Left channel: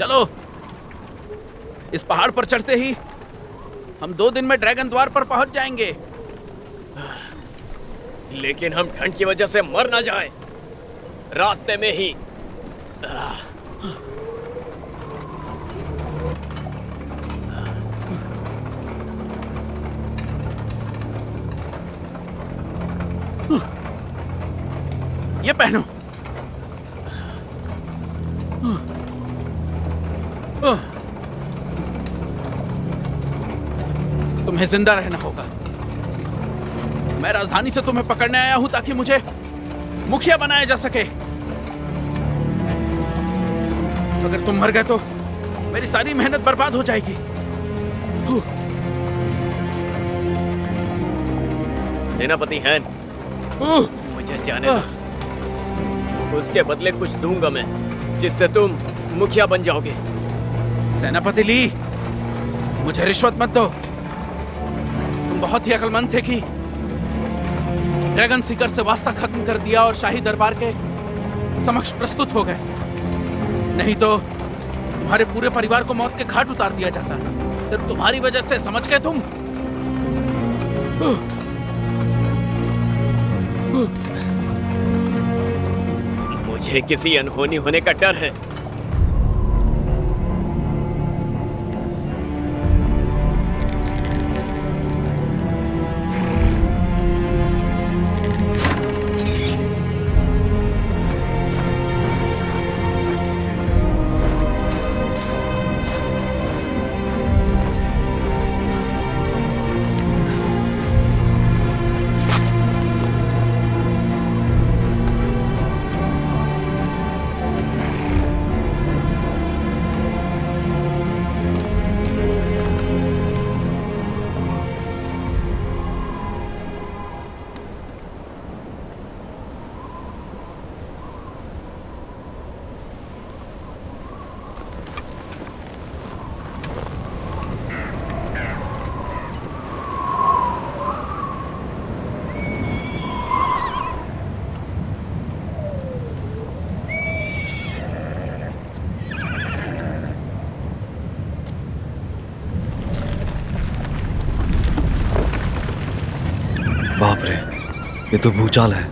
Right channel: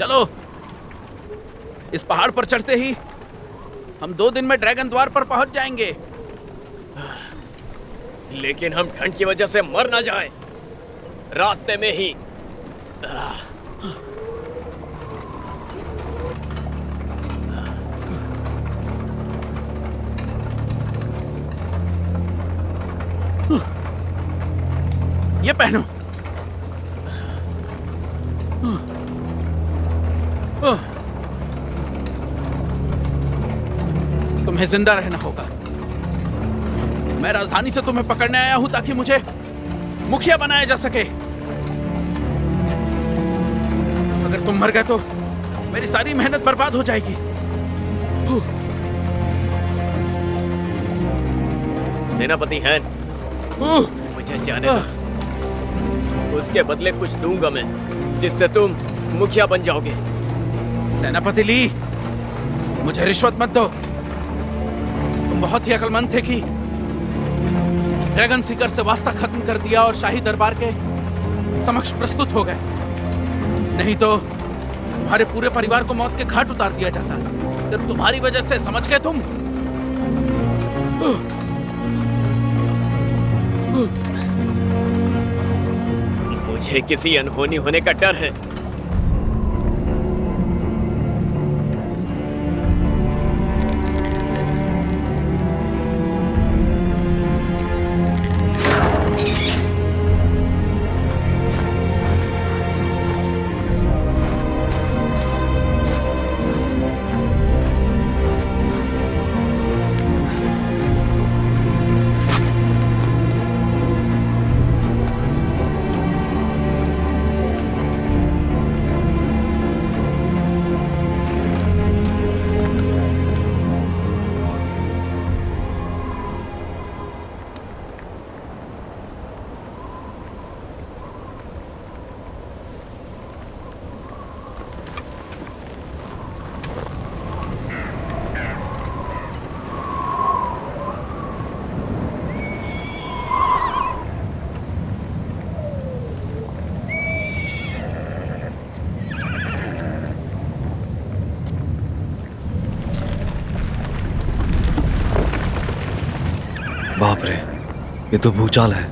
चलो, इस पहाड़ पर चढ़ते ही हम 2 दिन में ड्रैगन द्वार पर पहुंच जाएंगे। लेकिन हम ठंड की वजह से मर ना जाएं, रास्ते में ही। ये पहनो। तुम्हें जिंदा रहना होगा। मैं राजधानी से तुम्हें पकड़ने आया हूं ताकि मुझे मुखिया बनाया जा सके। अगर तुम मर गए तो मेरी सारी मेहनत बर्बाद हो जाएगी। सेनापति हैन, मुझे जाने दो। उसके बदले कुछ दूंगा मैं, जिससे तुम मुखिया बन जाओगे। सेनापति ली, मुझे रिश्वत मत दो। तुम बहुत ही अक्लमंद थे कि ड्रैगन सीकर से वास्ता खत्म कर दिया और शाही दरबार के समक्ष प्रस्तुत हो गए। नहीं तो तुम्हारे पूरे परिवार को मौत के घाट उतार दिया जाता। सिर्फ तुम्हारी वजह से, समझ गए तुम? मुझे किसी अनहोनी होने का डर है। बाप रे, ये तो भूचाल है।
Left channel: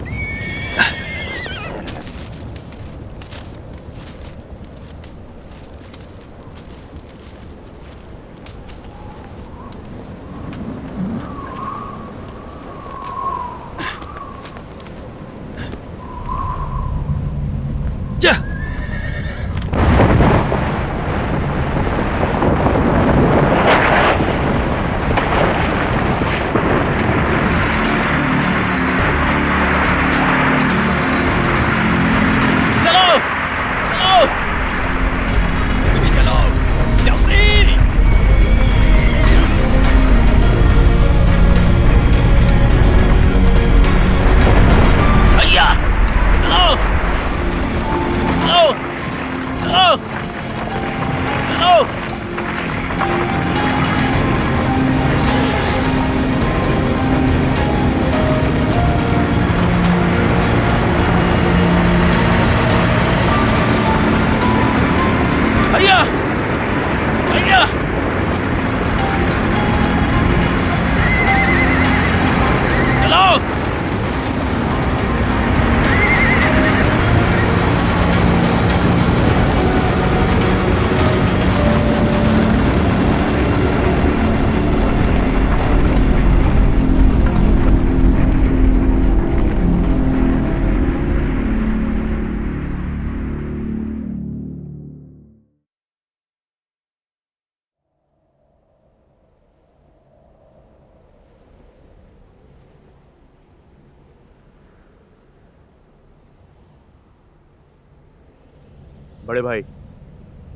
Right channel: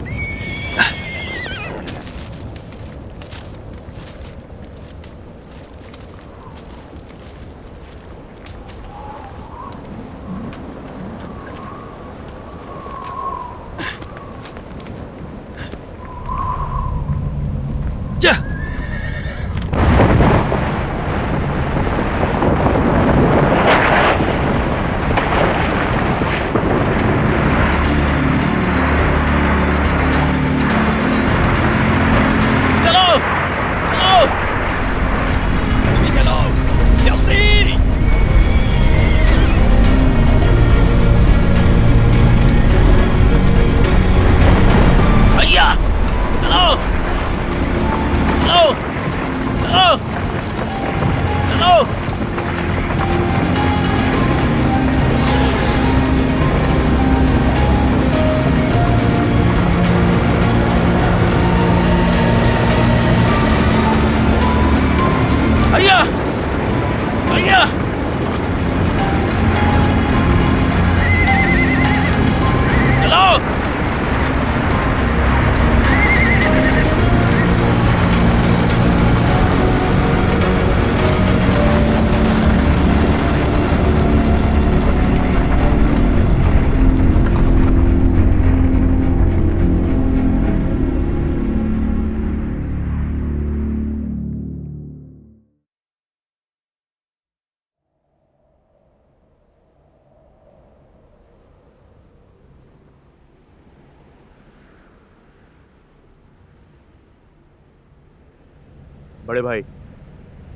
बड़े भाई,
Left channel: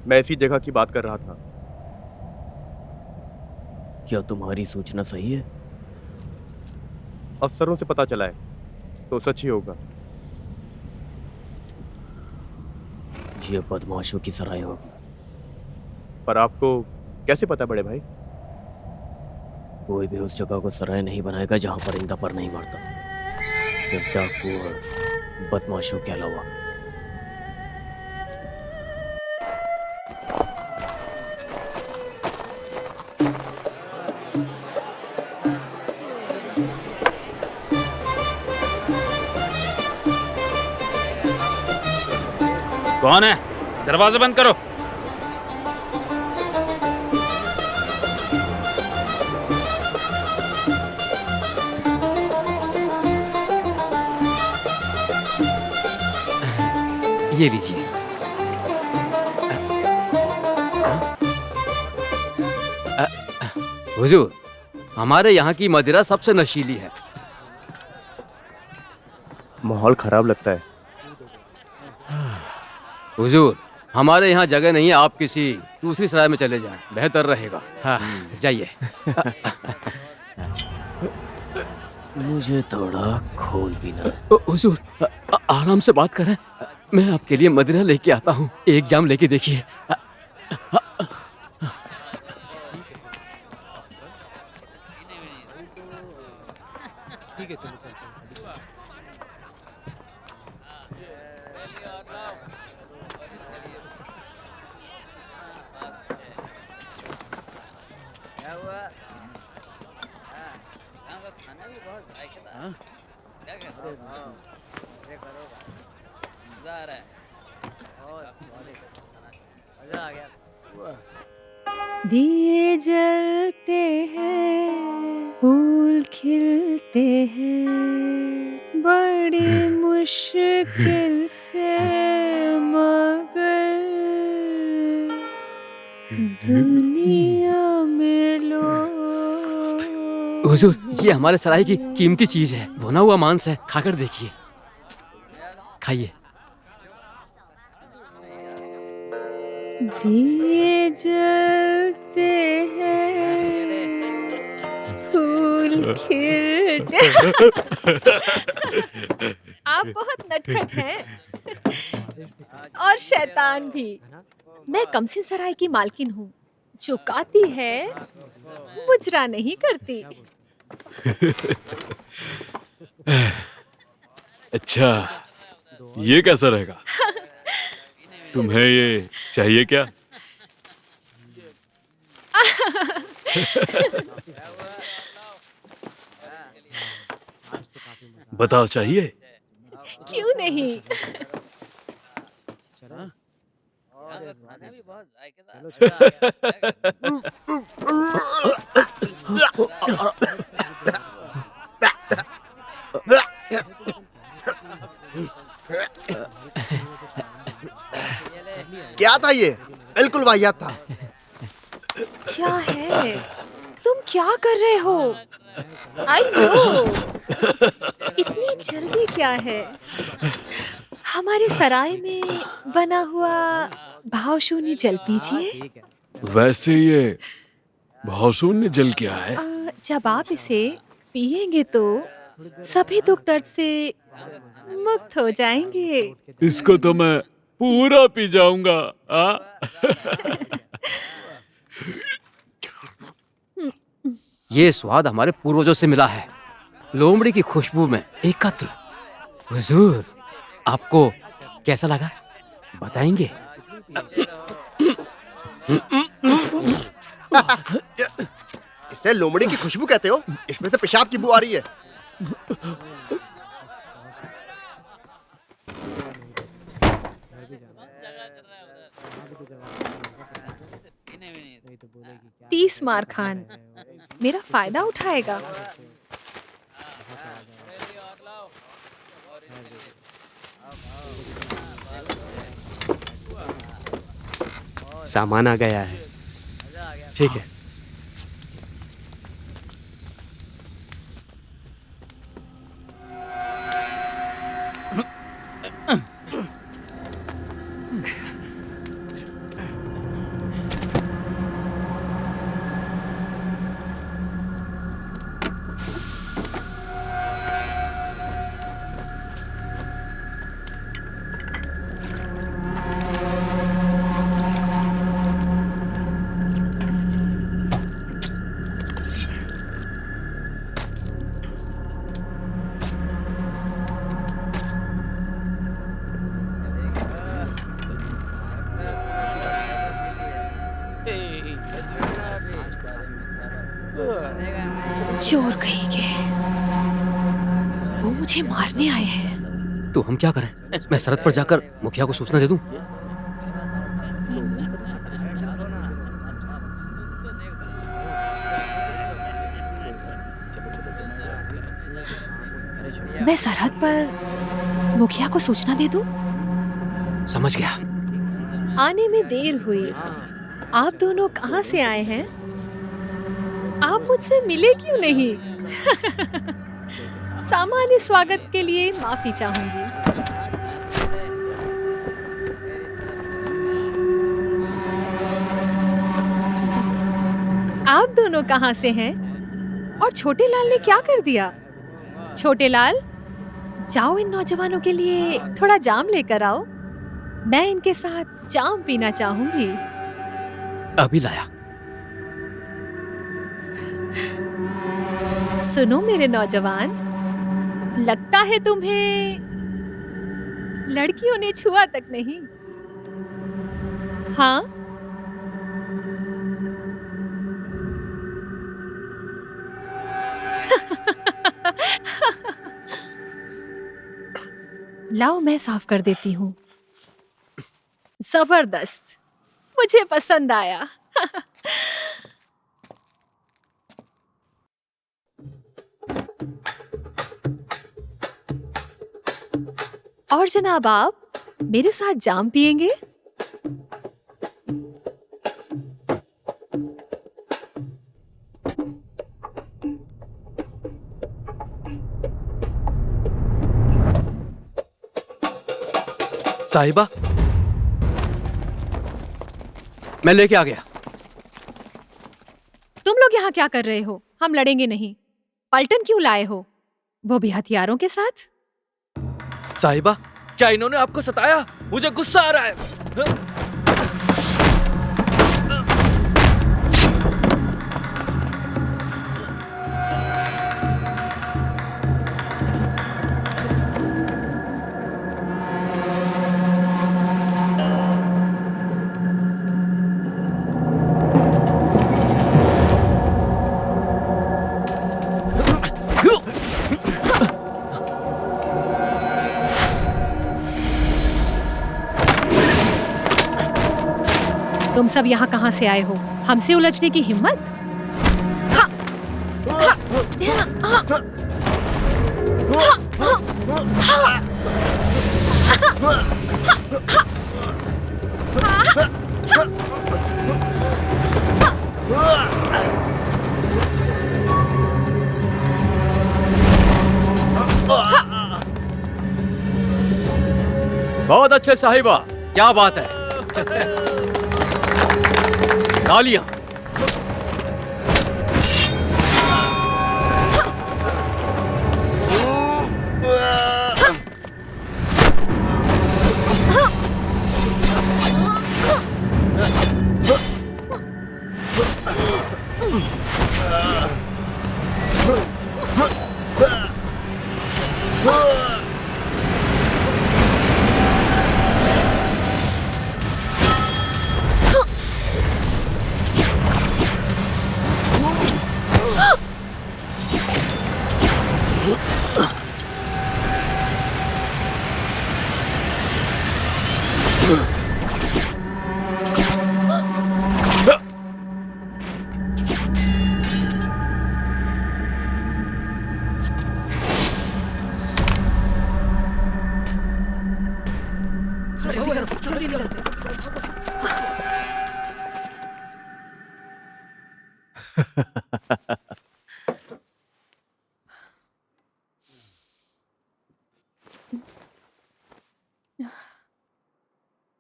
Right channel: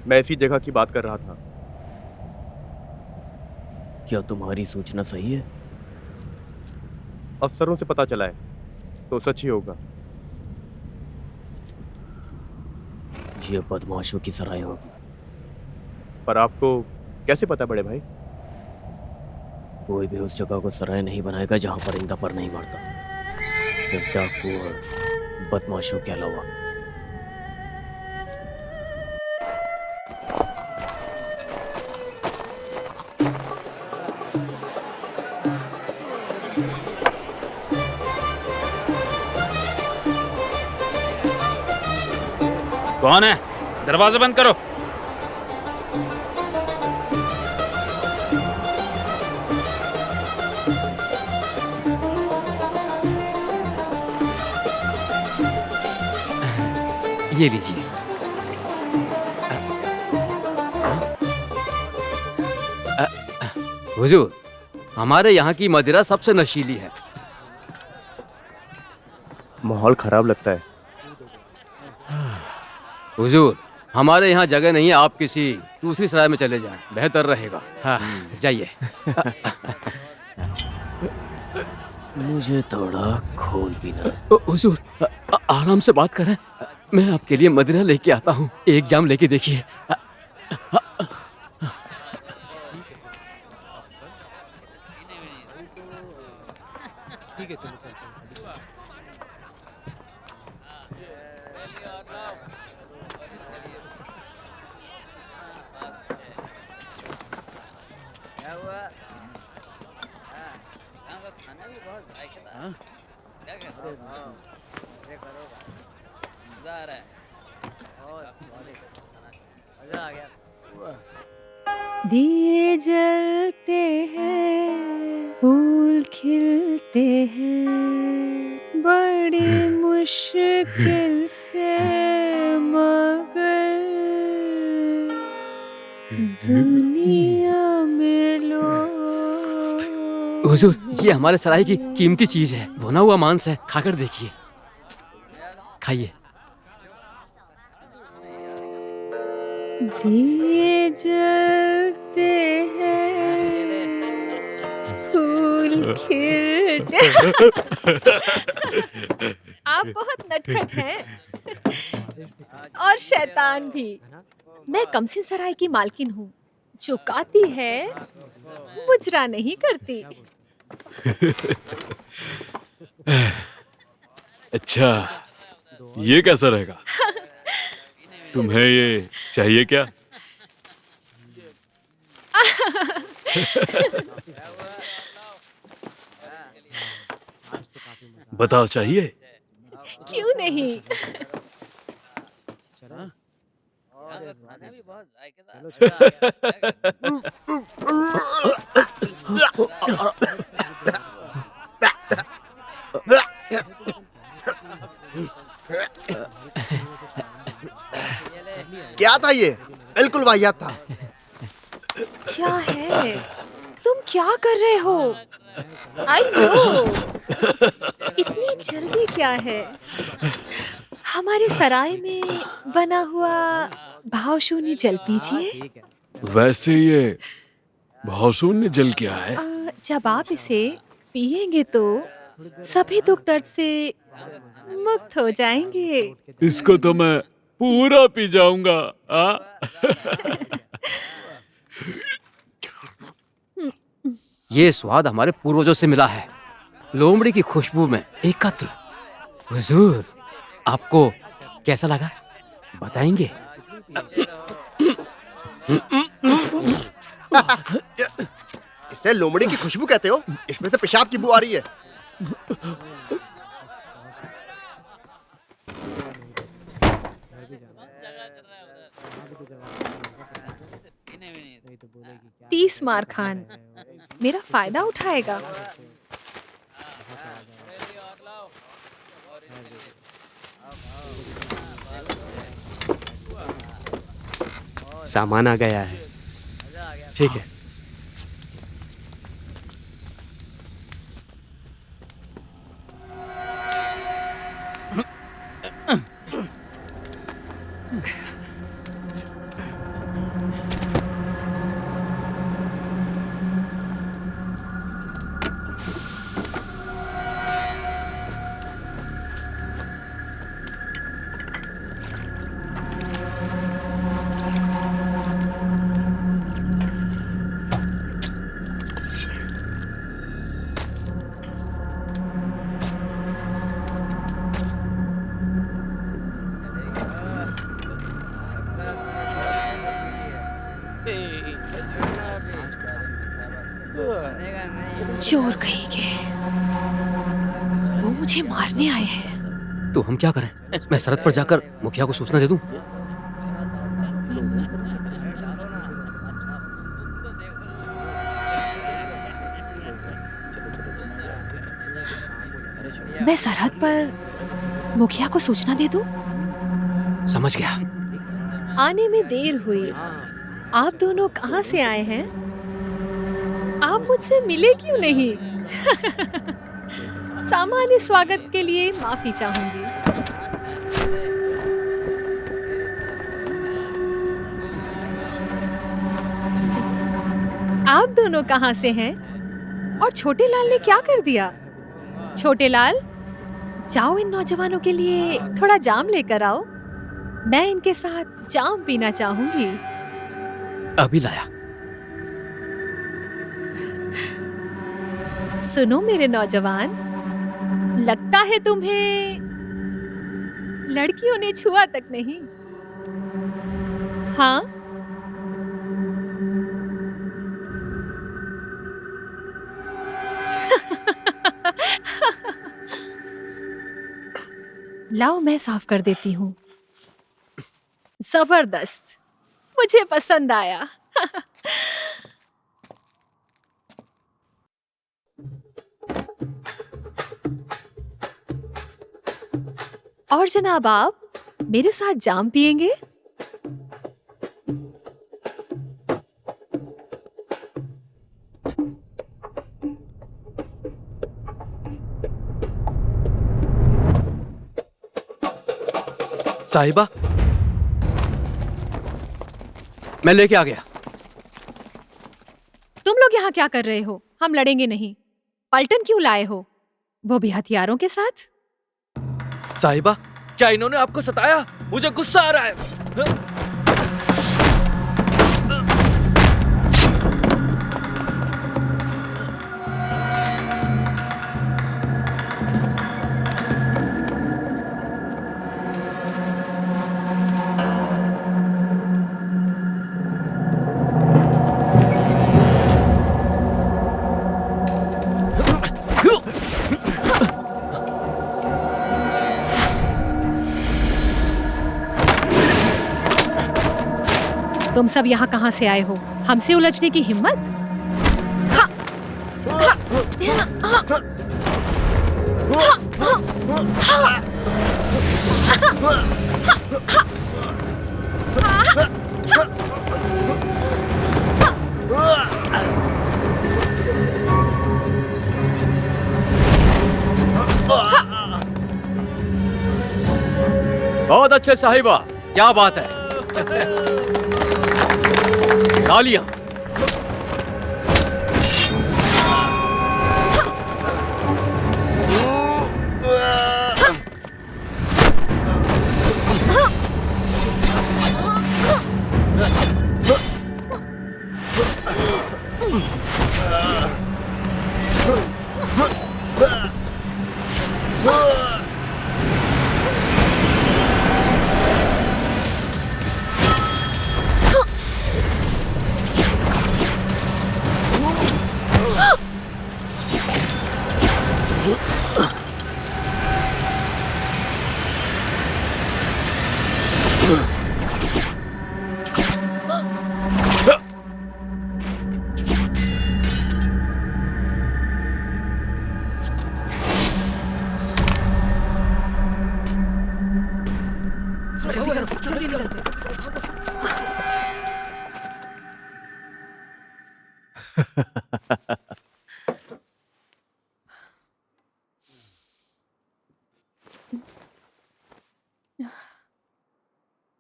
मैं इसी जगह की बात कर रहा था। क्या तुम्हारी सूचना सही है? अफसरों से पता चला है तो सच ही होगा। ये बदमाशों की सराय होगी। पर आपको कैसे पता बड़े भाई? कोई भी उस जगह को सराय नहीं बनाएगा जहां परिंदा पर नहीं मरता, सिर्फ डाकू और बदमाशों के अलावा। कौन है? दरवाजा बंद करो। ये लीजिए। हुजूर, हमारे यहाँ की मदिरा सबसे नशीली है। माहौल खराब लगता है। हुजूर, हमारे यहाँ जगह नहीं है, आप किसी दूसरी सराय में चले जाएं, बेहतर रहेगा। हाँ, जाइए। मुझे थोड़ा खून पीना है। हुजूर, आराम से बात करें, मैं आपके लिए मदिरा लेके आता हूँ, एक जाम लेके देखिए। ठीक है, चलो चलते हैं। दिए जलते हैं, फूल खिलते हैं, बड़ी मुश्किल से, मगर दुनिया में लोग। हुजूर, ये हमारे सराय की कीमती चीज है, भुना हुआ मांस है, खाकर देखिए। खाइए। दिए जलते हैं, फूल खिलते। आप बहुत नटखट हैं और शैतान भी। मैं कमसिन सराय की मालकिन हूँ, जो गाती है मुजरा नहीं करती। अच्छा, ये कैसा रहेगा? तुम्हें ये चाहिए क्या? बताओ, चाहिए? क्यों नहीं? क्या था ये? बिल्कुल वाहियात था। क्या है? तुम क्या कर रहे हो? I know. इतनी जल्दी क्या है? हमारे सराय में बना हुआ भावशून्य जल पीजिए। वैसे ये भावशून्य जल क्या है? जब आप इसे पिएंगे तो सभी दुख दर्द से मुक्त हो जाएंगे। इसको तो मैं पूरा पी जाऊंगा। ये स्वाद हमारे पूर्वजों से मिला है, लोमड़ी की खुशबू में एकत्र। हुजूर, आपको कैसा लगा बताएंगे? इसे लोमड़ी की खुशबू कहते हो? इसमें से पेशाब की बू आ रही है। तीस मार खान मेरा फायदा उठाएगा। सामान आ गया है। ठीक है। चोर कहीं के, वो मुझे मारने आए हैं। तो हम क्या करें? मैं सरहद पर जाकर मुखिया को सूचना दे दूं? मैं सरहद पर मुखिया को सूचना दे दूं? समझ गया। आने में देर हुई। आप दोनों कहाँ से आए हैं? आप मुझसे मिले क्यों नहीं? सामान्य स्वागत के लिए माफी चाहूंगी। आप दोनों कहाँ से हैं? और छोटे लाल ने क्या कर दिया? छोटे लाल, जाओ इन नौजवानों के लिए थोड़ा जाम लेकर आओ। मैं इनके साथ जाम पीना चाहूंगी। अभी लाया। सुनो मेरे नौजवान, लगता है तुम्हें लड़कियों ने छुआ तक नहीं। हाँ? लाओ मैं साफ कर देती हूँ। जबरदस्त, मुझे पसंद आया। और जनाब, आप मेरे साथ जाम पिएंगे? साहिबा, मैं लेके आ गया। तुम लोग यहाँ क्या कर रहे हो? हम लड़ेंगे नहीं। पलटन क्यों लाए हो? वो भी हथियारों के साथ? साहिबा, क्या इन्होंने आपको सताया? मुझे गुस्सा आ रहा है। तुम सब यहाँ कहाँ से आए हो? हमसे उलझने की हिम्मत? हा! हा! हा! बहुत अच्छे साहिबा, क्या बात है। तालियां।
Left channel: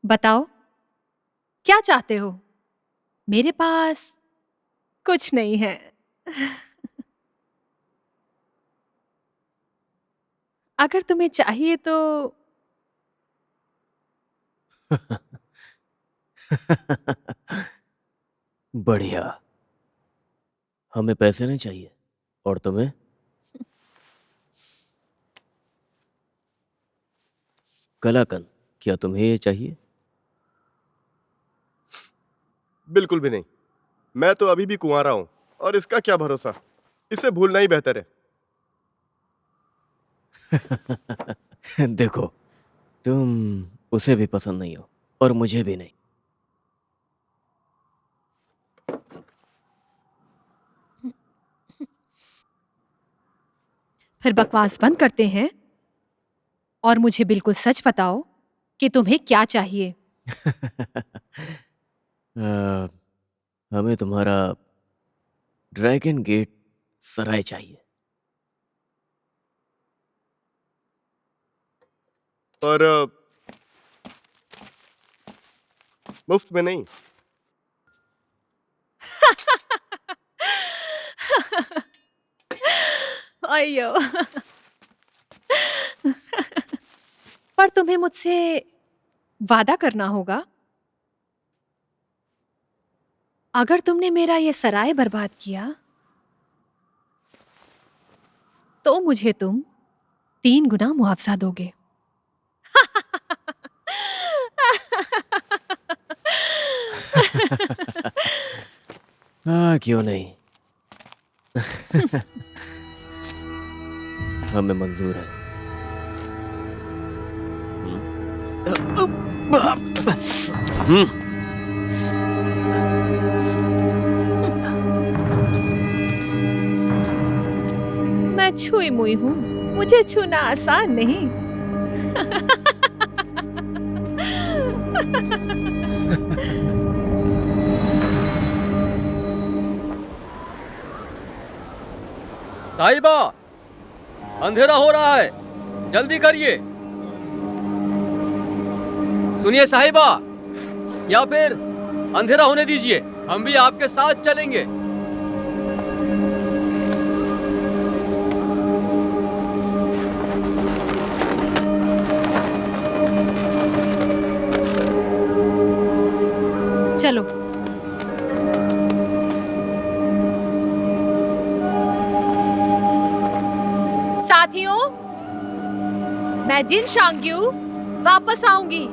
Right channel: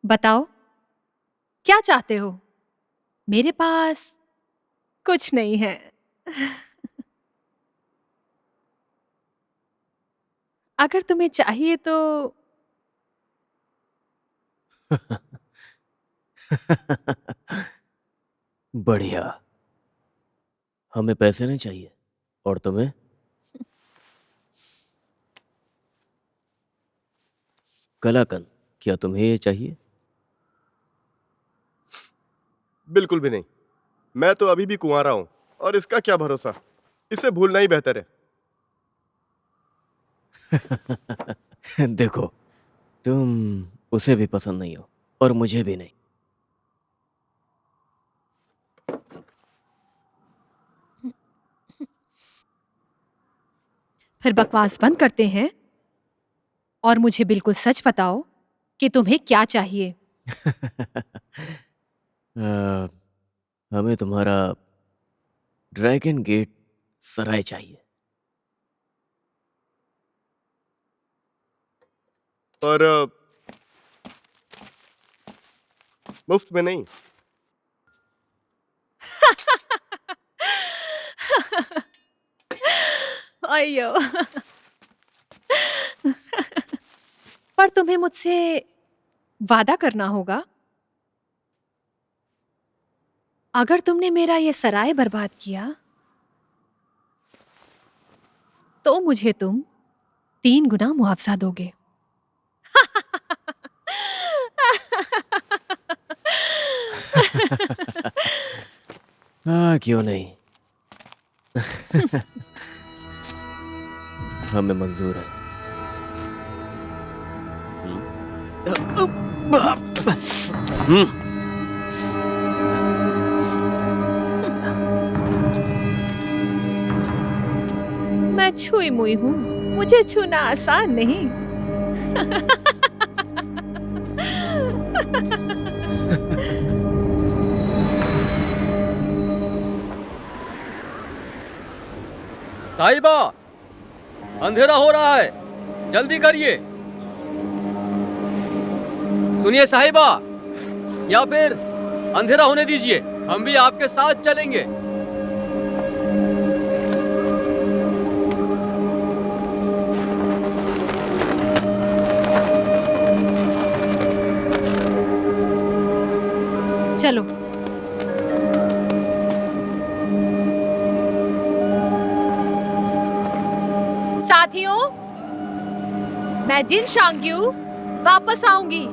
बताओ, क्या चाहते हो? मेरे पास कुछ नहीं है। अगर तुम्हें चाहिए तो बढ़िया। हमें पैसे नहीं चाहिए। और तुम्हें? कलाकंद, क्या तुम्हें ये चाहिए? बिल्कुल भी नहीं। मैं तो अभी भी कुंवारा हूं और इसका क्या भरोसा। इसे भूलना ही बेहतर है। देखो, तुम उसे भी पसंद नहीं हो और मुझे भी नहीं। फिर बकवास बंद करते हैं और मुझे बिल्कुल सच बताओ कि तुम्हें क्या चाहिए। हमें तुम्हारा ड्रैगन गेट सराय चाहिए। और मुफ्त में नहीं। अयो। पर तुम्हें मुझसे वादा करना होगा। अगर तुमने मेरा ये सराय बर्बाद किया तो मुझे तुम 3 गुना मुआवजा दोगे। हाँ, क्यों नहीं। हमें मंजूर है। मैं छुई मुई हूँ, मुझे छूना आसान नहीं। साहिबा, अंधेरा हो रहा है, जल्दी करिए। सुनिए साहिबा, या फिर अंधेरा होने दीजिए, हम भी आपके साथ चलेंगे। चलो। साथियों, मैं जिन शांग्यू वापस आऊंगी।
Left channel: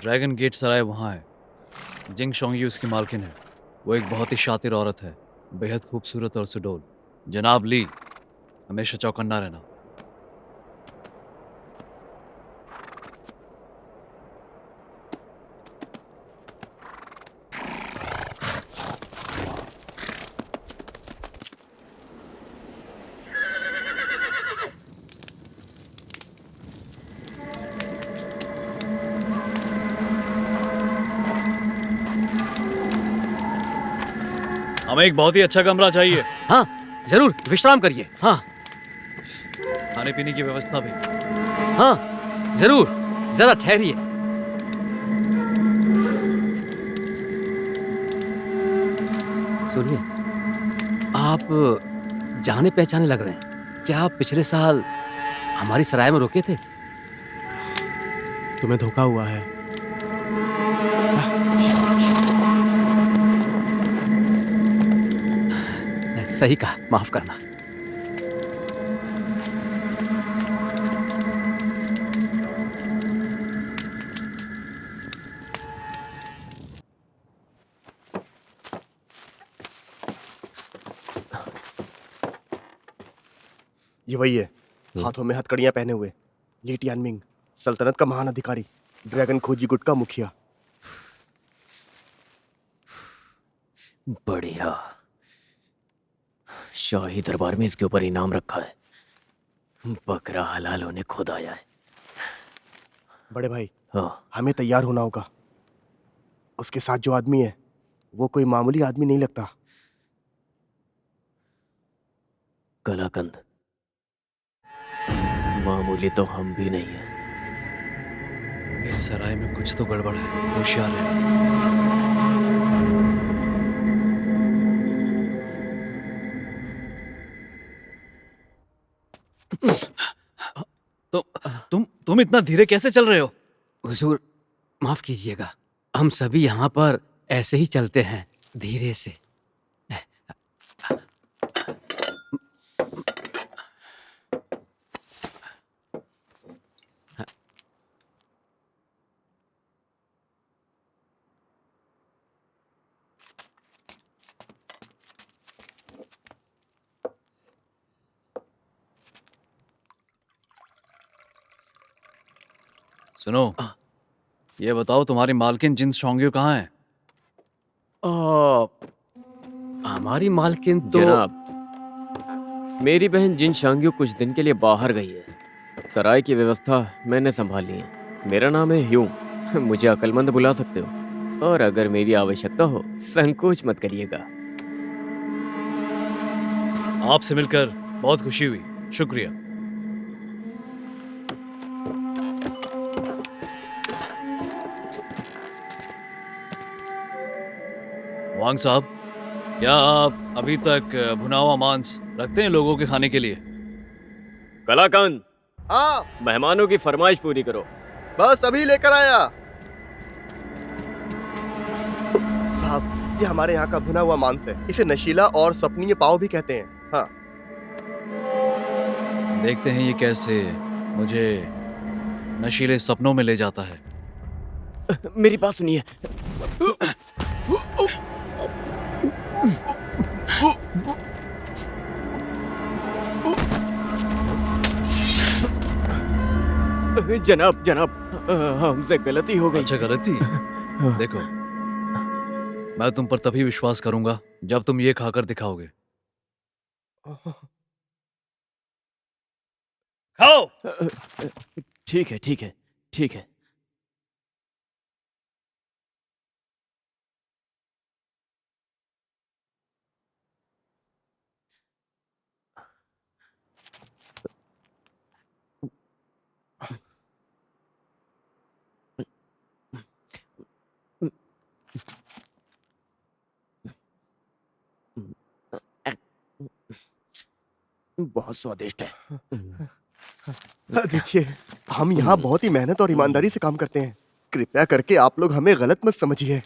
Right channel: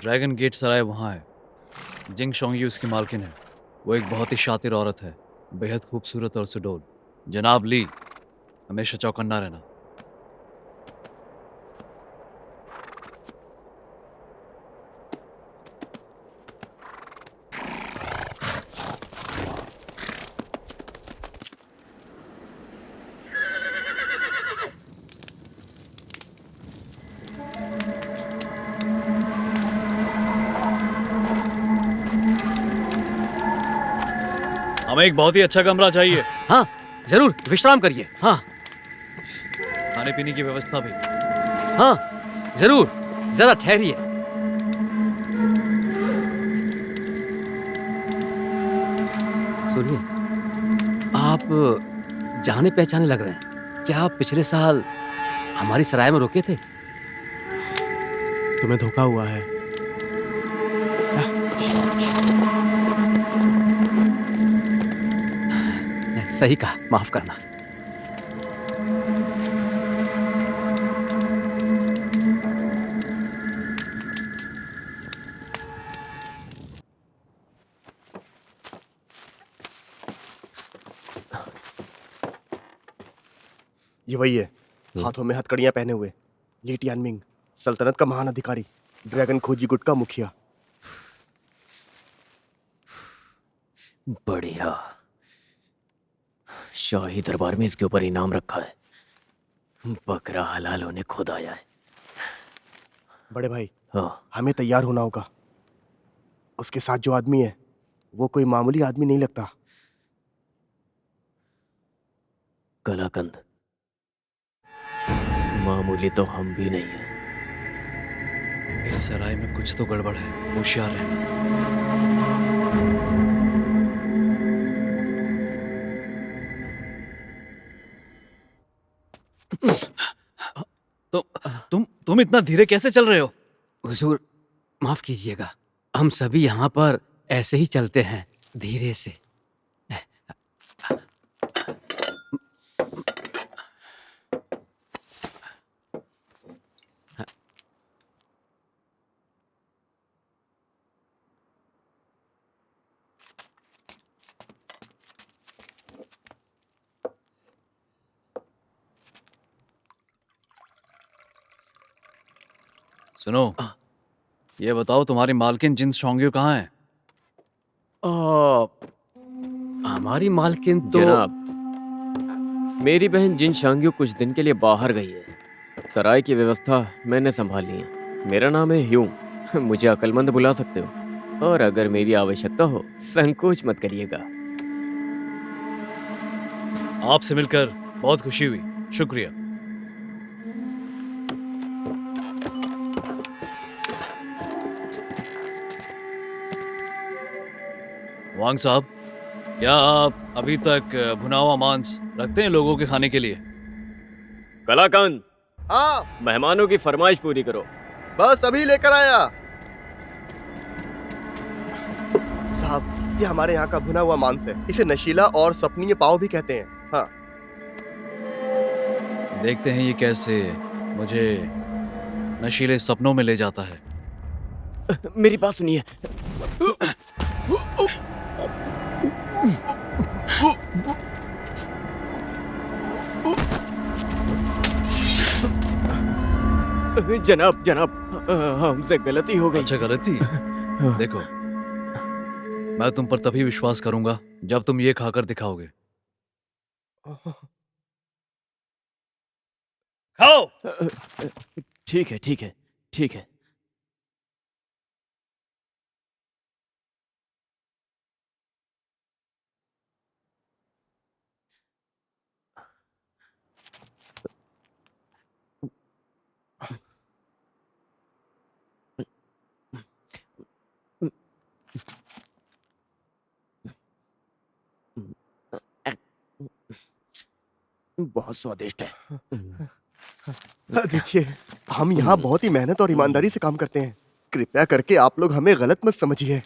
ड्रैगन गेट सराय वहाँ है। जिंग शोंगी उसकी मालकिन है। वो एक बहुत ही शातिर औरत है, बेहद खूबसूरत और सुडौल। जनाब ली, हमेशा चौकन्ना रहना। हमें एक बहुत ही अच्छा कमरा चाहिए। हाँ जरूर, विश्राम करिए। हाँ खाने पीने की व्यवस्था भी। हाँ जरूर, जरा ठहरिए। सुनिए, आप जाने पहचाने लग रहे हैं। क्या आप पिछले साल हमारी सराय में रुके थे? तुम्हें धोखा हुआ है। सही कहा, माफ करना। ये वही है, हाथों में हथकड़ियां पहने हुए, ली टियानमिंग, सल्तनत का महान अधिकारी, ड्रैगन खोजी गुट का मुखिया। बढ़िया। शाही दरबार में इसके ऊपर इनाम रखा है। बकरा हलाल होने खुद आया है। बड़े भाई, हाँ, हमें तैयार होना होगा। उसके साथ जो आदमी है वो कोई मामूली आदमी नहीं लगता। कलाकंद, मामूली तो हम भी नहीं हैं। इस सराय में कुछ तो गड़बड़ है, होशियार रहना। तुम इतना धीरे कैसे चल रहे हो? हुजूर, माफ कीजिएगा, हम सभी यहाँ पर ऐसे ही चलते हैं, धीरे से। सुनो, ये बताओ तुम्हारी मालकिन जिन शोंग्यू कहाँ है? हमारी मालकिन तो जनाब, मेरी बहन जिन शांग्यू कुछ दिन के लिए बाहर गई है। सराय की व्यवस्था मैंने संभाली है। मेरा नाम है ह्यूम, मुझे अक्लमंद बुला सकते हो, और अगर मेरी आवश्यकता हो संकोच मत करिएगा। आपसे मिलकर बहुत खुशी हुई, शुक्रिया। वांग साहब, क्या आप अभी तक भुना हुआ मांस रखते हैं लोगों के खाने के लिए? कलाकंद, हाँ, मेहमानों की फरमाइश पूरी करो। बस अभी लेकर आया। साहब, ये हमारे यहाँ का भुना हुआ मांस है। इसे नशीला और सपनीय पाव भी कहते हैं। हाँ, देखते हैं ये कैसे मुझे नशीले सपनों में ले जाता है। मेरी बात सुनिए। जनाब, जनाब, हमसे गलती हो गई। अच्छा, गलती? देखो, मैं तुम पर तभी विश्वास करूंगा जब तुम ये खाकर दिखाओगे। खाओ। ठीक है, ठीक है, ठीक है। बहुत स्वादिष्ट है। देखिए, हम यहाँ बहुत ही मेहनत और ईमानदारी से काम करते हैं। कृपया करके आप लोग हमें गलत मत समझिए।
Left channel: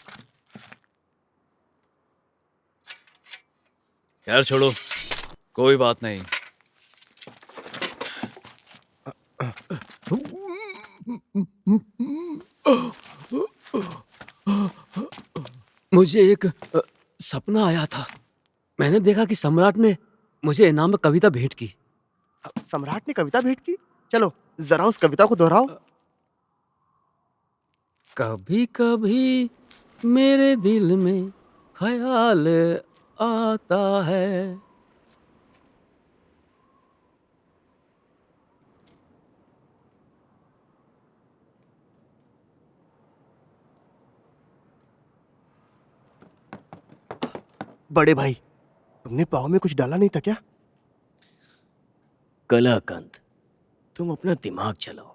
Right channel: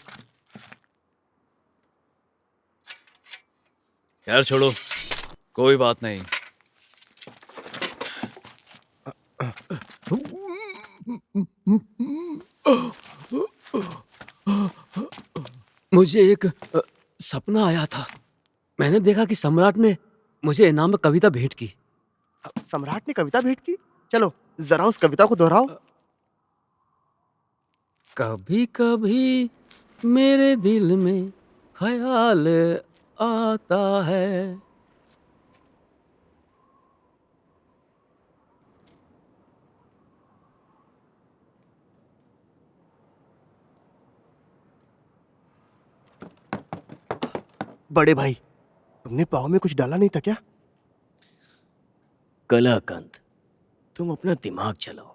यार छोड़ो, कोई बात नहीं। मुझे एक सपना आया था। मैंने देखा कि सम्राट ने मुझे इनाम में कविता भेंट की। सम्राट ने कविता भेंट की? चलो जरा उस कविता को दोहराओ। कभी कभी मेरे दिल में ख्याल आता है। बड़े भाई, तुमने पाव में कुछ डाला नहीं था क्या? कलाकंद, तुम अपना दिमाग चलाओ।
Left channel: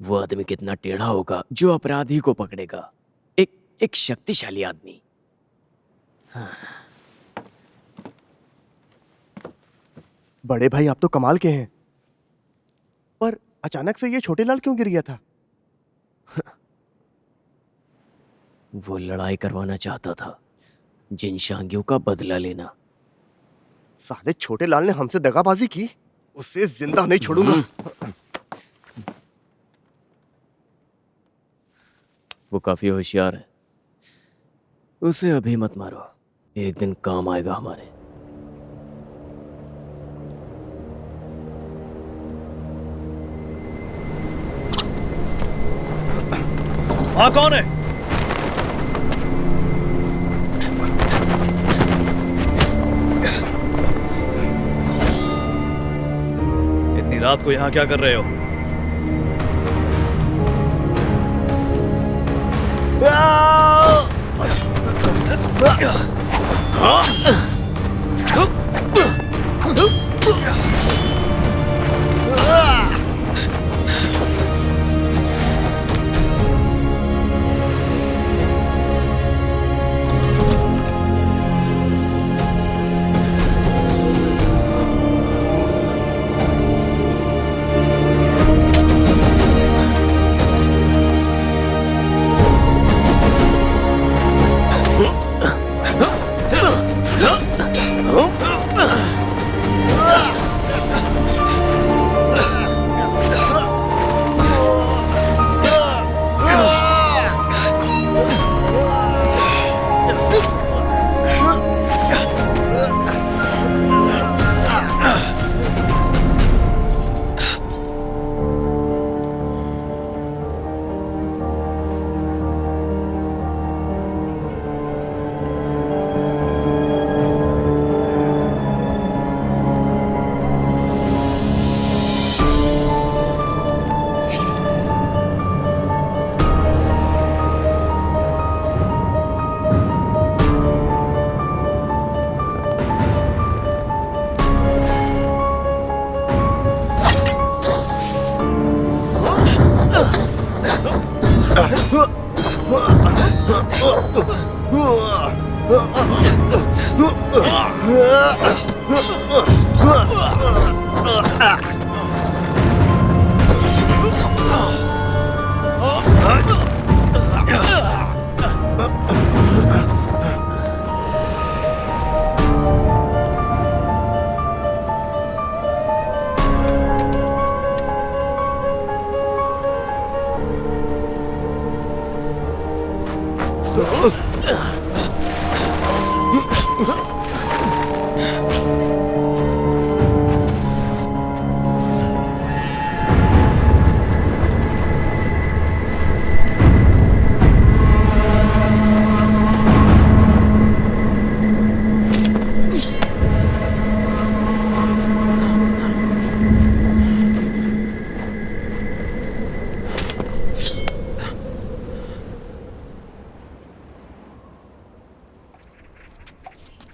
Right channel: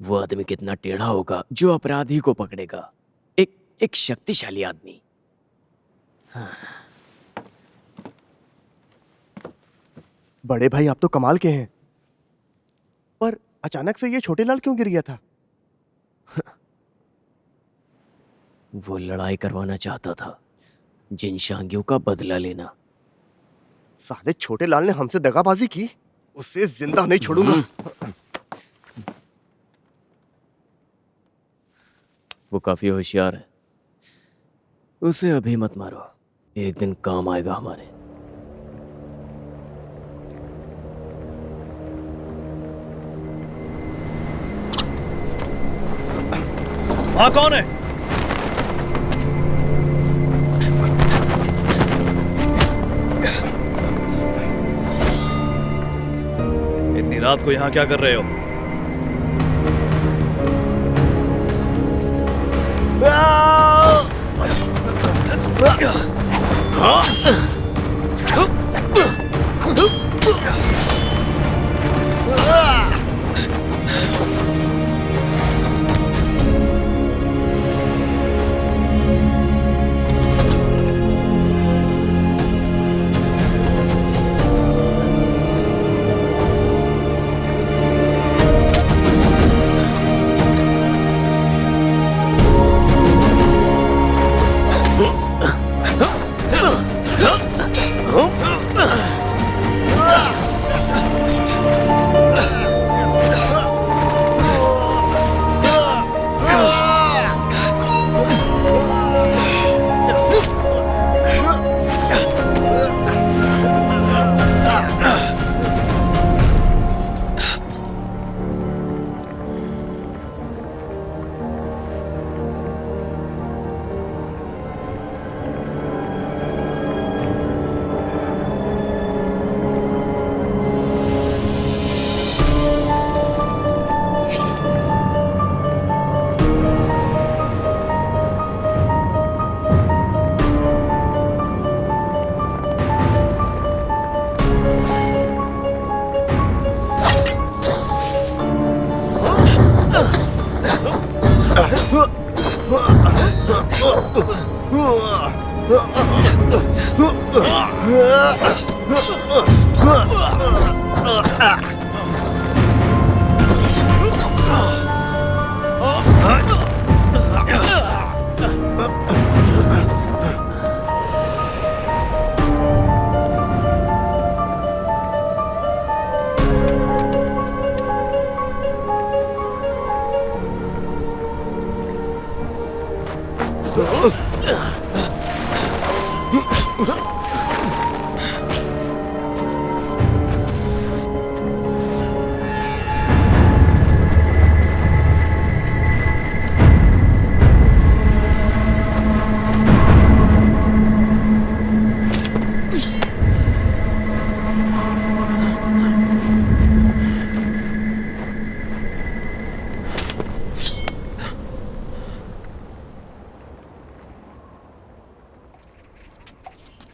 वो आदमी कितना टेढ़ा होगा जो अपराधी को पकड़ेगा। एक शक्तिशाली आदमी। हाँ। बड़े भाई, आप तो कमाल के हैं। पर अचानक से ये छोटे लाल क्यों गिर गया था? वो लड़ाई करवाना चाहता था, जिन शांगियों का बदला लेना। साले छोटे लाल ने हमसे दगाबाजी की, उसे जिंदा नहीं छोड़ूंगा। वो काफी होशियार है, उसे अभी मत मारो, एक दिन काम आएगा हमारे। वहां कौन है? इतनी रात को यहाँ क्या कर रहे हो?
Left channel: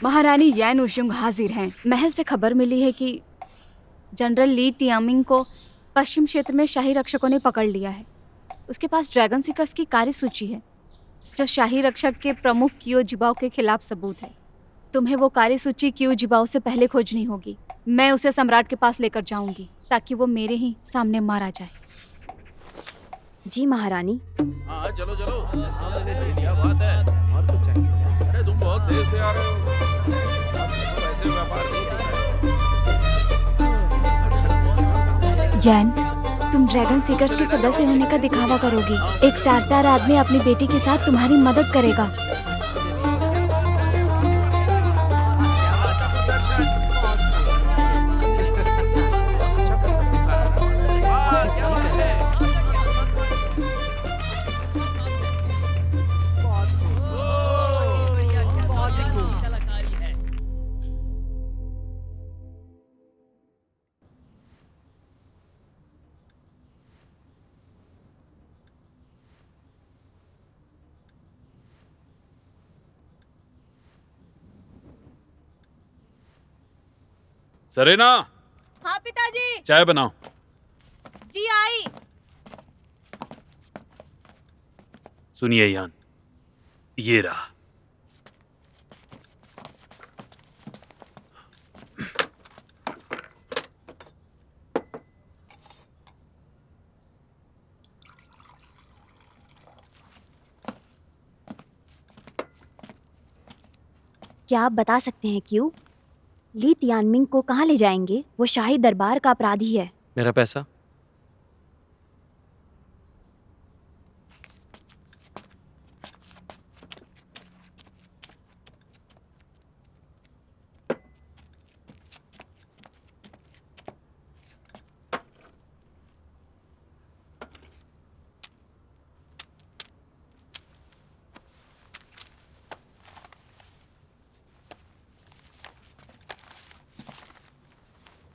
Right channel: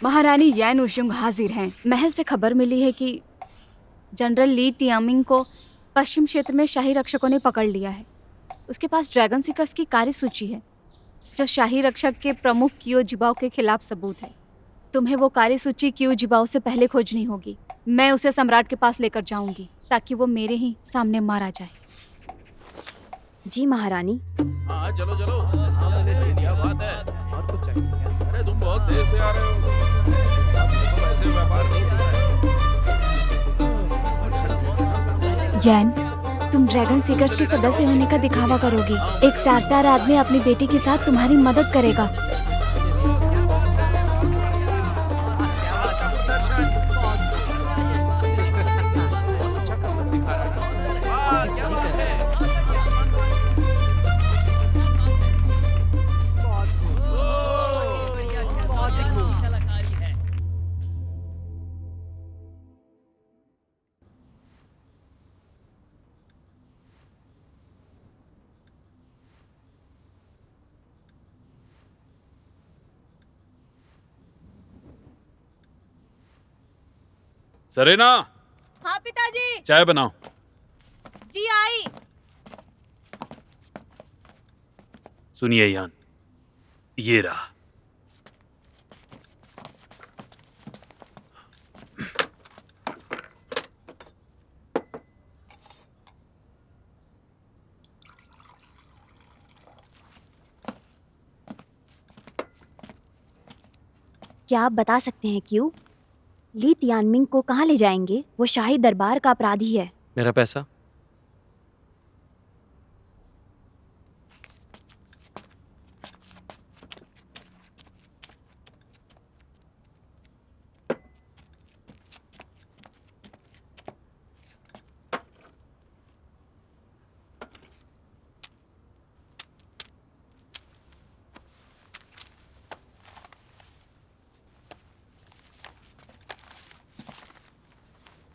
महारानी यैन उशुंग हाजिर हैं। महल से खबर मिली है कि जनरल ली टियामिंग को पश्चिम क्षेत्र में शाही रक्षकों ने पकड़ लिया है। उसके पास ड्रैगन सीकर्स की कार्यसूची है जो शाही रक्षक के प्रमुख कियो जिबाओ के खिलाफ सबूत है। तुम्हें वो कार्यसूची कियो जिबाओ से पहले खोजनी होगी। मैं उसे सम्राट के पास लेकर जाऊंगी ताकि वो मेरे ही सामने मारा जाए। जी महारानी। हाँ चलो चलो। क्या बात है? और कुछ चाहिए क्या? अरे तुम बहुत देर से आ रहे हो। वैसे व्यापार नहीं होता है। यैन, तुम ड्रैगन सीकर्स के सदस्य होने का दिखावा करोगी। एक टारटार आदमी अपनी बेटी के साथ तुम्हारी मदद करेगा। सरेना, हाँ पिताजी। चाय बनाओ। जी आई। सुनिए यान, ये रहा। क्या आप बता सकते हैं क्यों ली तियानमिंग को कहाँ ले जाएंगे? वो शाही दरबार का अपराधी है। मेरा पैसा?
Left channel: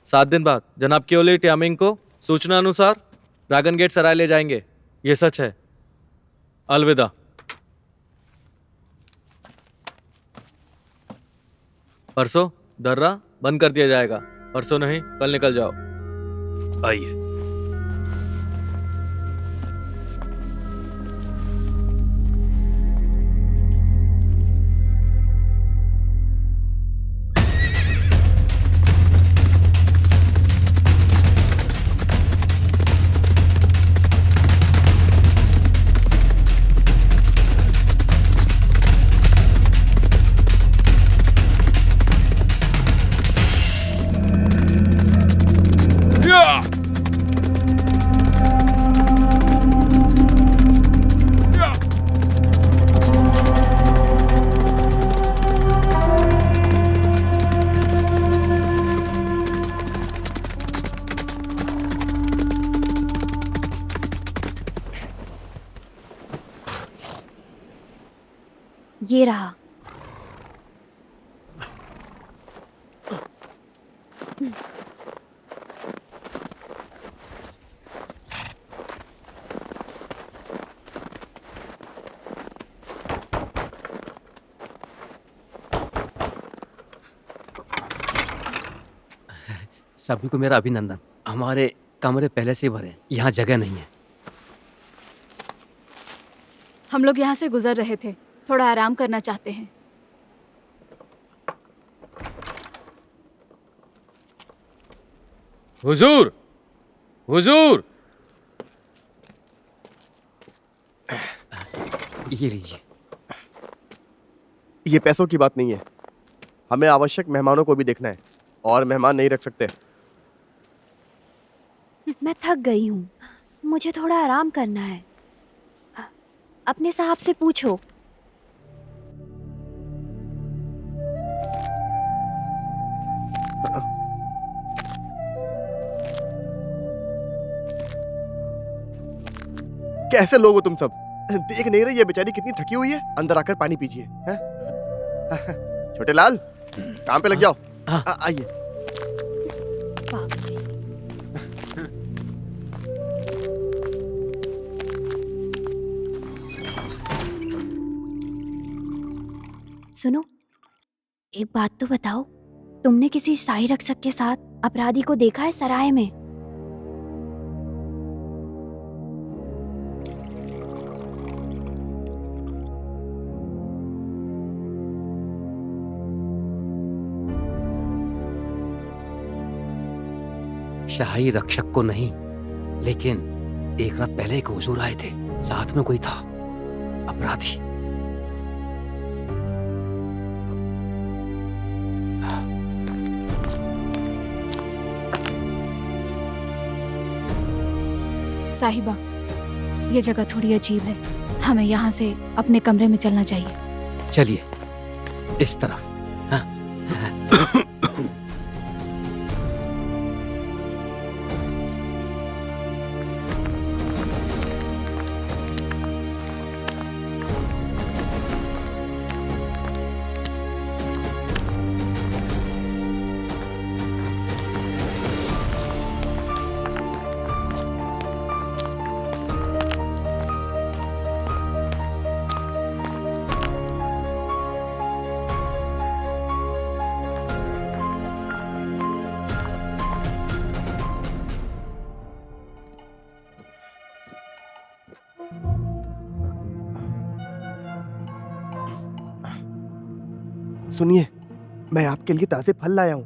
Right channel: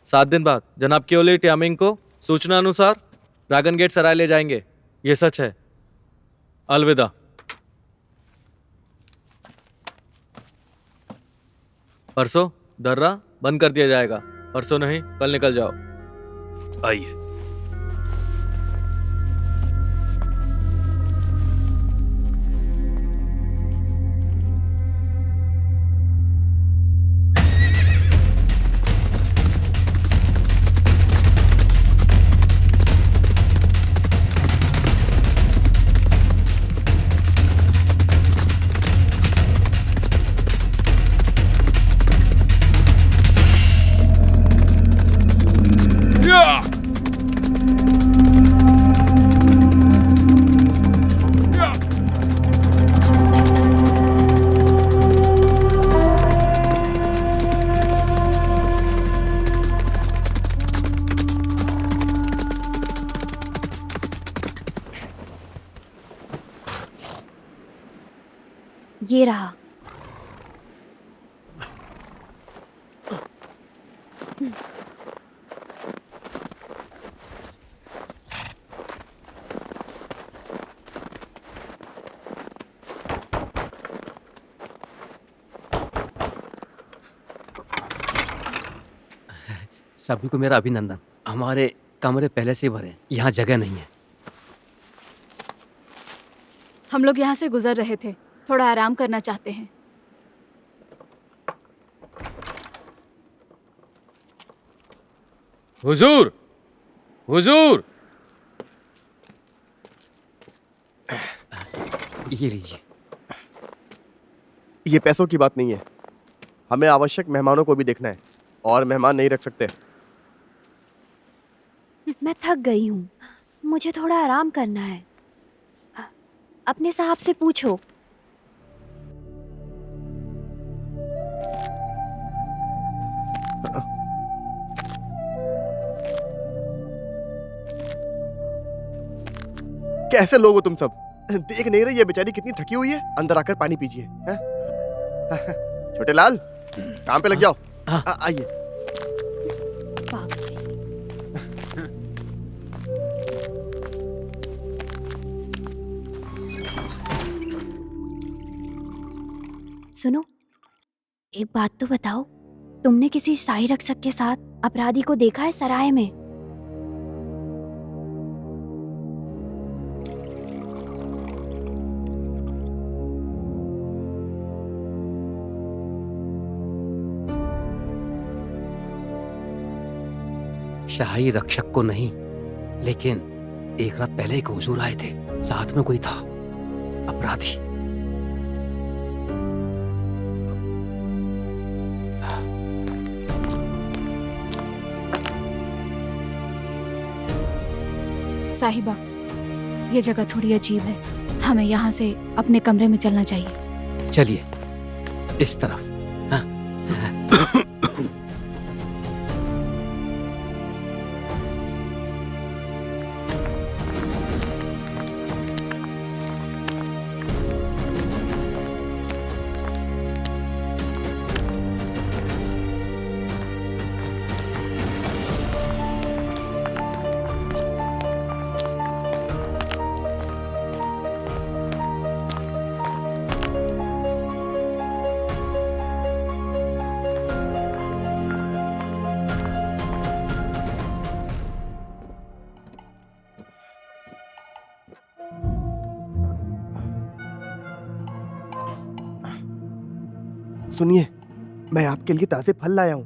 सात दिन बाद जनाब क्योली टियामिंग को सूचना अनुसार ड्रैगन गेट सराय ले जाएंगे। ये सच है। अलविदा। परसों दर्रा बंद कर दिया जाएगा। परसों नहीं, कल निकल जाओ। आइए। ये रहा। सभी को मेरा अभिनंदन। हमारे कमरे पहले से ही भरे हैं, यहाँ जगह नहीं है। हम लोग यहाँ से गुजर रहे थे, थोड़ा आराम करना चाहते हैं। हुजूर, हुजूर, ये लीजिए। ये पैसों की बात नहीं है, हमें आवश्यक मेहमानों को भी देखना है और मेहमान नहीं रख सकते। मैं थक गई हूँ, मुझे थोड़ा आराम करना है। अपने साहब से पूछो। कैसे लोग हो तुम सब? देख नहीं रहे ये बेचारी कितनी थकी हुई है? अंदर आकर पानी पीजिए। हैं? छोटे लाल, काम पे लग जाओ। आइए। पागल है। सुनो, एक बात तो बताओ, तुमने किसी शाही रक्षक के साथ अपराधी को देखा है सराय में? शाही रक्षक को नहीं, लेकिन एक रात पहले एक हुजूर आए थे, साथ में कोई था, अपराधी। साहिबा, ये जगह थोड़ी अजीब है, हमें यहाँ से अपने कमरे में चलना चाहिए। चलिए, इस तरफ। हाँ। सुनिए, मैं आपके लिए ताजे फल लाया हूँ।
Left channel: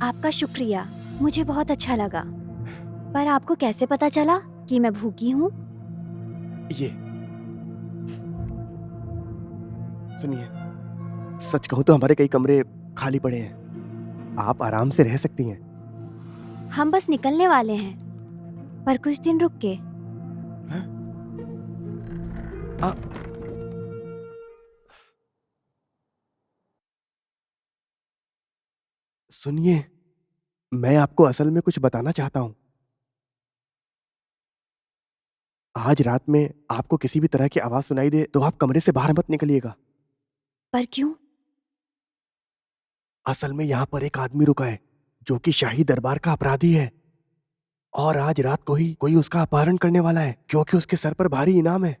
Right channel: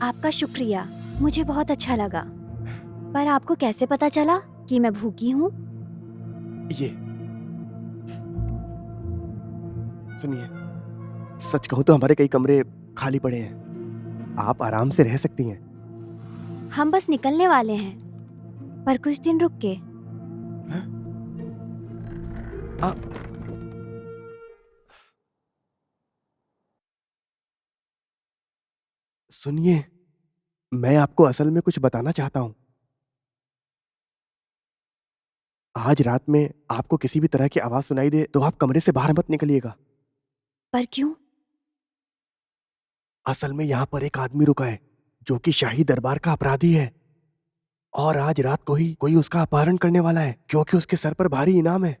आपका शुक्रिया, मुझे बहुत अच्छा लगा। पर आपको कैसे पता चला कि मैं भूखी हूँ? ये सुनिए, सच कहूँ तो हमारे कई कमरे खाली पड़े हैं, आप आराम से रह सकती हैं। हम बस निकलने वाले हैं, पर कुछ दिन रुक के। सुनिए, मैं आपको असल में कुछ बताना चाहता हूं। आज रात में आपको किसी भी तरह की आवाज सुनाई दे तो आप कमरे से बाहर मत निकलिएगा। पर क्यों? असल में यहाँ पर एक आदमी रुका है जो कि शाही दरबार का अपराधी है, और आज रात को ही कोई उसका अपहरण करने वाला है, क्योंकि उसके सर पर भारी इनाम है।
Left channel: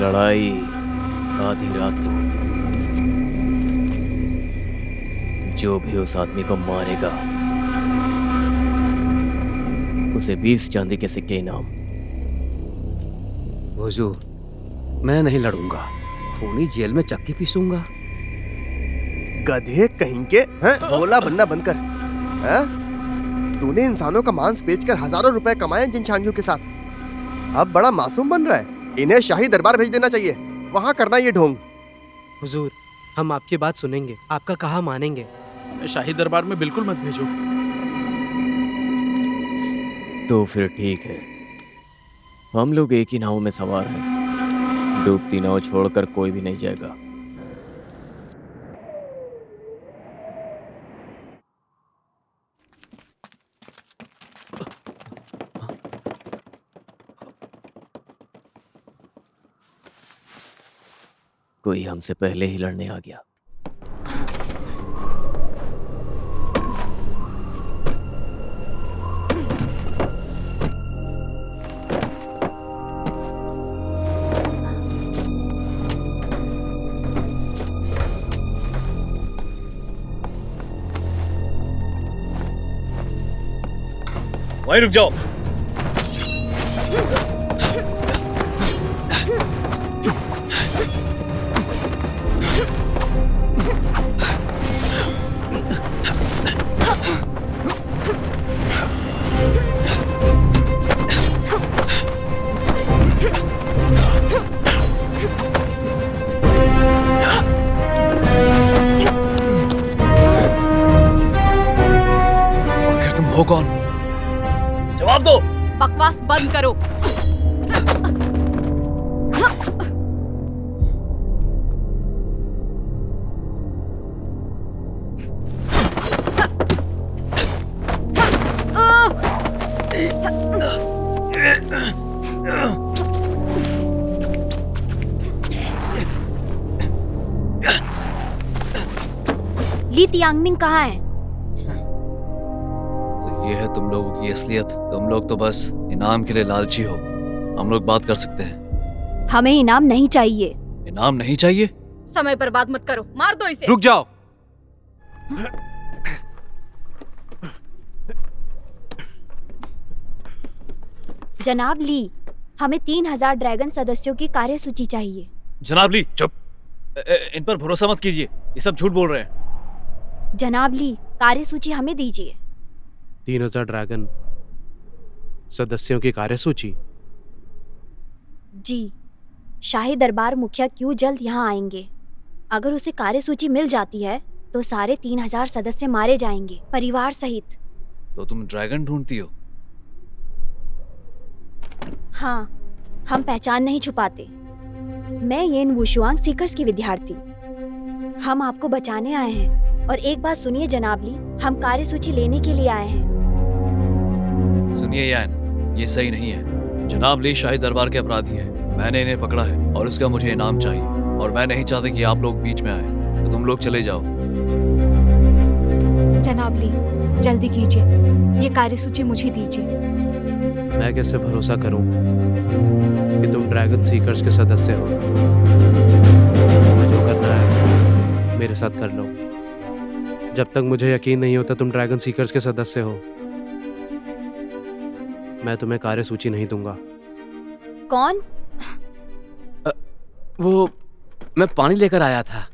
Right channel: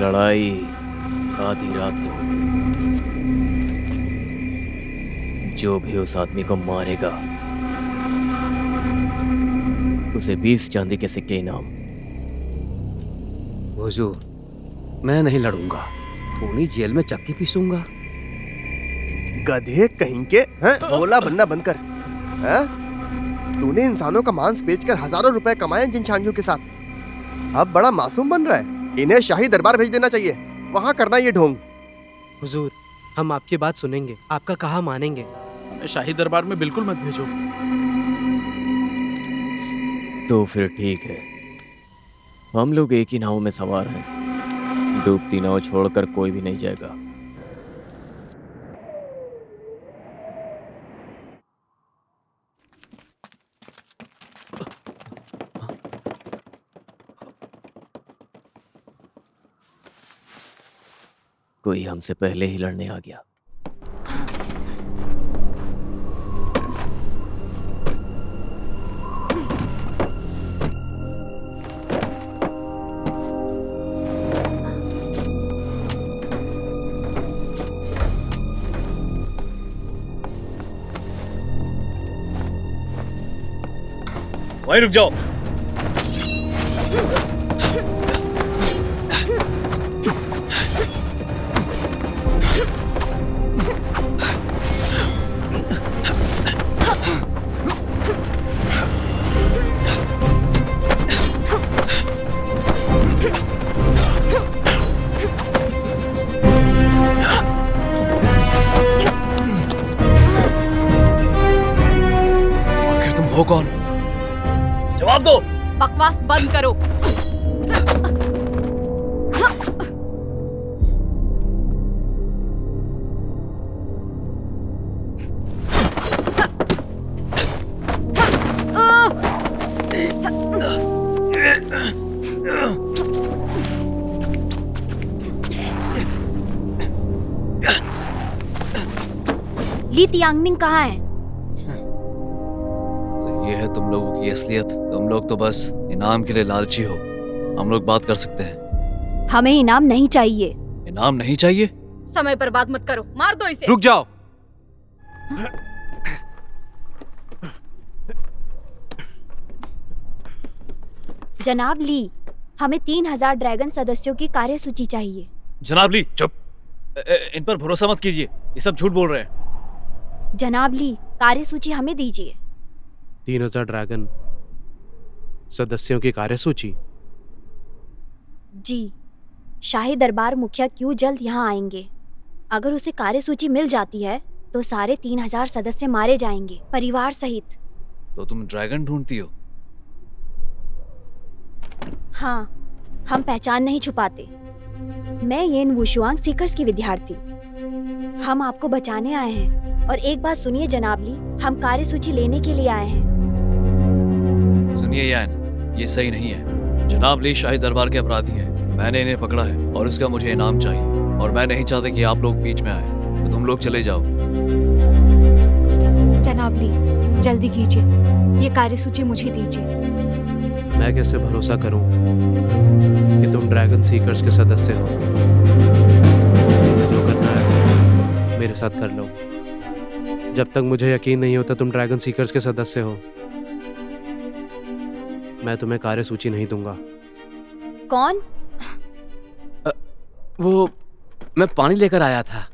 लड़ाई आधी रात को होगी। जो भी उस आदमी को मारेगा उसे 20 चांदी के सिक्के इनाम। हुजूर, मैं नहीं लड़ूंगा, खूनी जेल में चक्की पीसूंगा। गधे कहीं के, हैं? भोला बनना बंद कर। हैं? तूने इंसानों का मांस बेचकर हजारों रुपए कमाए जिन शांगियों के साथ, अब बड़ा मासूम बन रहा है। इन्हें शाही दरबार भेज देना चाहिए, वहां करना ये ढोंग। हुजूर, हम आपकी बात सुनेंगे, आपका कहा मानेंगे। हमें शाही दरबार में बिल्कुल मत भेजो। तो फिर ठीक है, हम लोग एक ही नाव में सवार हैं, डूबती नाव छोड़कर कोई भी नहीं जाएगा। कोई हमसे पहले ही लड़ने आ गया। वहीं रुक जाओ। आखिर तुम हो कौन? जवाब दो। बकवास बंद करो। ली तियांगमिंग कहाँ है? तो ये है तुम लोगों की असलियत। तुम लोग तो बस इनाम के लिए लालची हो। हम लोग बात कर सकते हैं। हमें इनाम नहीं चाहिए। इनाम नहीं चाहिए? समय पर बात मत करो, मार दो इसे। रुक जाओ। जनाब ली, हमें 3000 ड्रैगन सदस्यों की कार्यसूची चाहिए। जनाब ली, चुप। इन पर भरोसा मत कीजिए, ये सब झूठ बोल रहे हैं। जनाब ली, कार्यसूची हमें दीजिए। 3000 ड्रैगन सदस्यों की कार्यसूची? जी, शाही दरबार मुखिया क्यों जल्द यहाँ आएंगे। अगर उसे कार्यसूची मिल जाती है तो सारे 3000 सदस्य मारे जाएंगे, परिवार सहित। तो तुम ड्रैगन ढूंढती हो? हाँ, हम पहचान नहीं छुपाते। मैं येन वुशुआंग सीकर्स की विद्यार्थी। हम आपको बचाने आए हैं। और एक बात सुनिए जनाब ली, हम कार्यसूची लेने के लिए आए हैं। सुनिए यान, ये सही नहीं है। जनाब ली शाही दरबार के अपराधी हैं। मैंने इन्हें पकड़ा है और उसका मुझे इनाम चाहिए। और मैं नहीं चाहता कि आप लोग बीच में आए। तो तुम लोग चले जाओ। जनाब ली, जल्दी कीजिए, ये कार्यसूची मुझे दीजिए। मैं कैसे भरोसा करूं कि तुम ड्रैगन सीकर्स के सदस्य हो? तुम्हें जो करना है मेरे साथ कर लो। जब तक मुझे यकीन नहीं होता तुम ड्रैगन सीकर्स के सदस्य हो, मैं तुम्हें कार्यसूची नहीं दूंगा। कौन? वो मैं पानी लेकर आया था।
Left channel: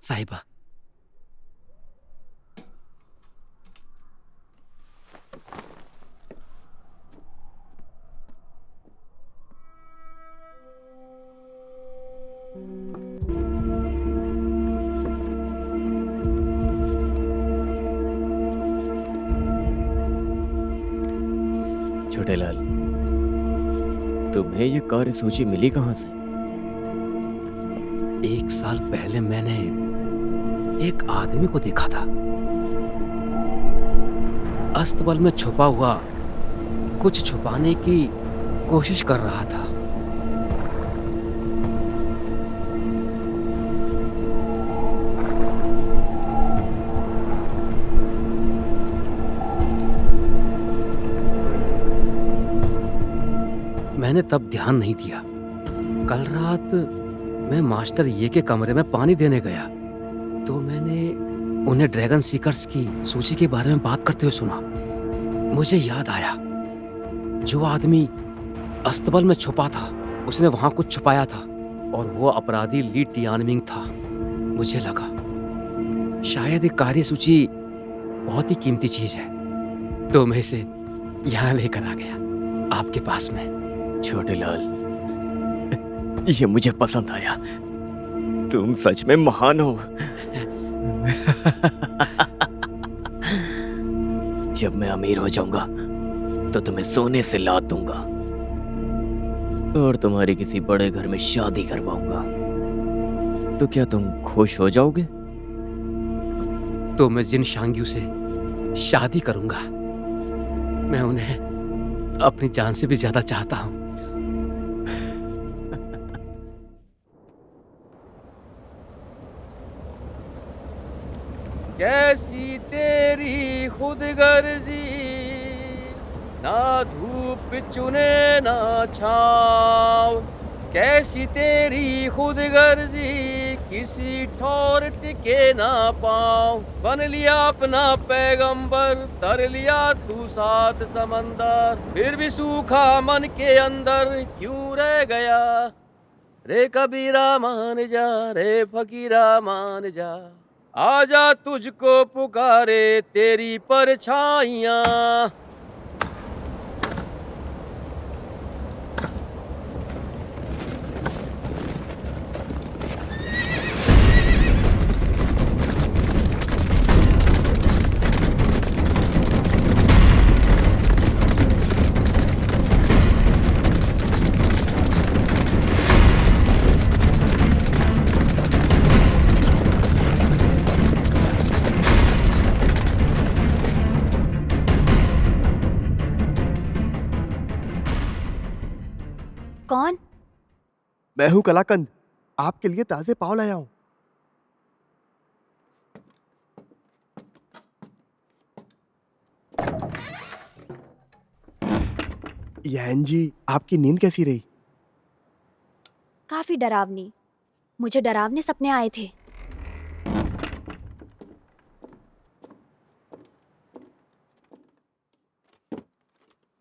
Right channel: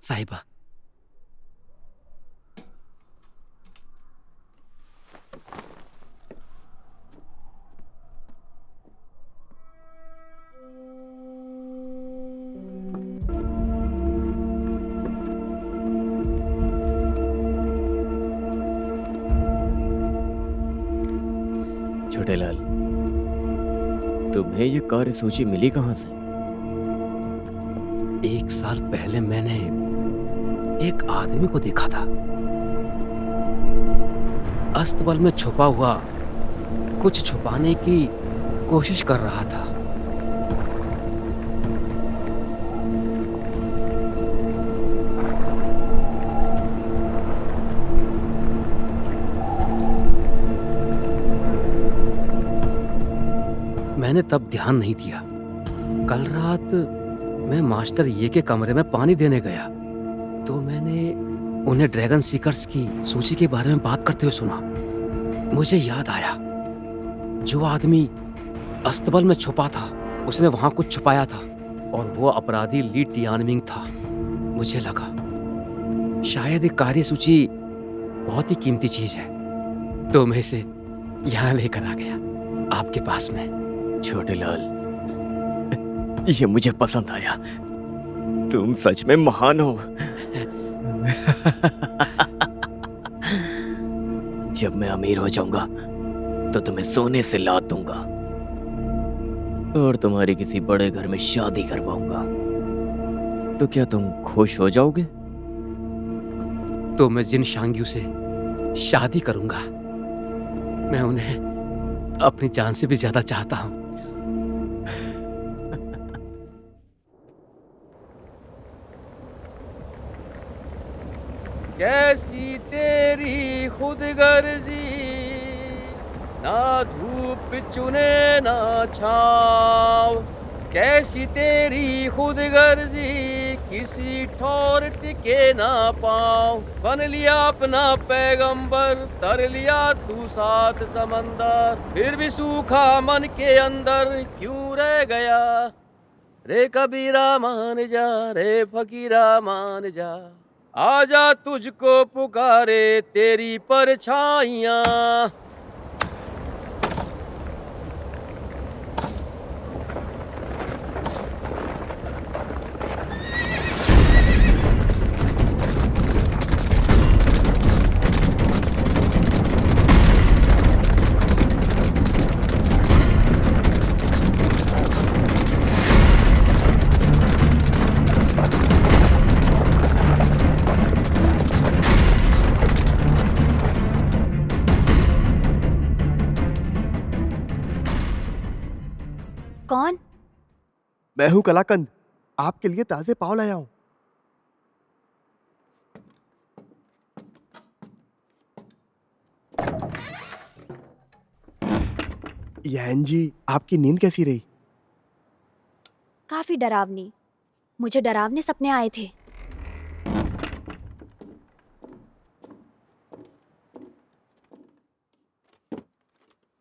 साहिबा, छोटे लाल, तुम्हें ये कार्यसूची मिली कहाँ से? 1 साल पहले मैंने एक आदमी को देखा था। अस्तबल में छुपा हुआ कुछ छुपाने की कोशिश कर रहा था। मैंने तब ध्यान नहीं दिया। कल रात मैं मास्टर ये के कमरे में पानी देने गया तो मैंने उन्हें ड्रैगन सीकर्स की सूची के बारे में बात करते हुए सुना। मुझे याद आया, जो आदमी अस्तबल में छुपा था उसने वहां कुछ छुपाया था और वो अपराधी ली टियानमिंग था। मुझे लगा शायद एक कार्यसूची बहुत ही कीमती चीज है, तो मैं इसे यहाँ लेकर आ गया आपके पास में। छोटे लाल, ये मुझे पसंद आया। तुम सच में महान हो। जब मैं अमीर हो जाऊंगा तो तुम्हें सोने से लाद दूंगा और तुम्हारी किसी बड़े घर में शादी करवाऊंगा। तो क्या तुम खुश हो जाओगे? तो मैं जिन शांग्यू से शादी करूंगा। मैं उन्हें अपनी जान से भी ज्यादा चाहता हूं। कैसी तेरी खुदगर्जी, ना धूप चुने ना छाव। कैसी तेरी खुदगर्जी, किसी ठौर टिके ना पाँव, बन लिया अपना पैगंबर, तर लिया तू सात समंदर, फिर भी सूखा मन के अंदर क्यों रह गया, रे कबीरा मान जा, रे फकीरा मान जा, आजा तुझको पुकारे तेरी परछाइयाँ। कौन? मैं हूँ कलाकंद, आपके लिए ताजे पाव लाया हूँ। यहन जी, आपकी नींद कैसी रही? काफी डरावनी। मुझे डरावने सपने आए थे।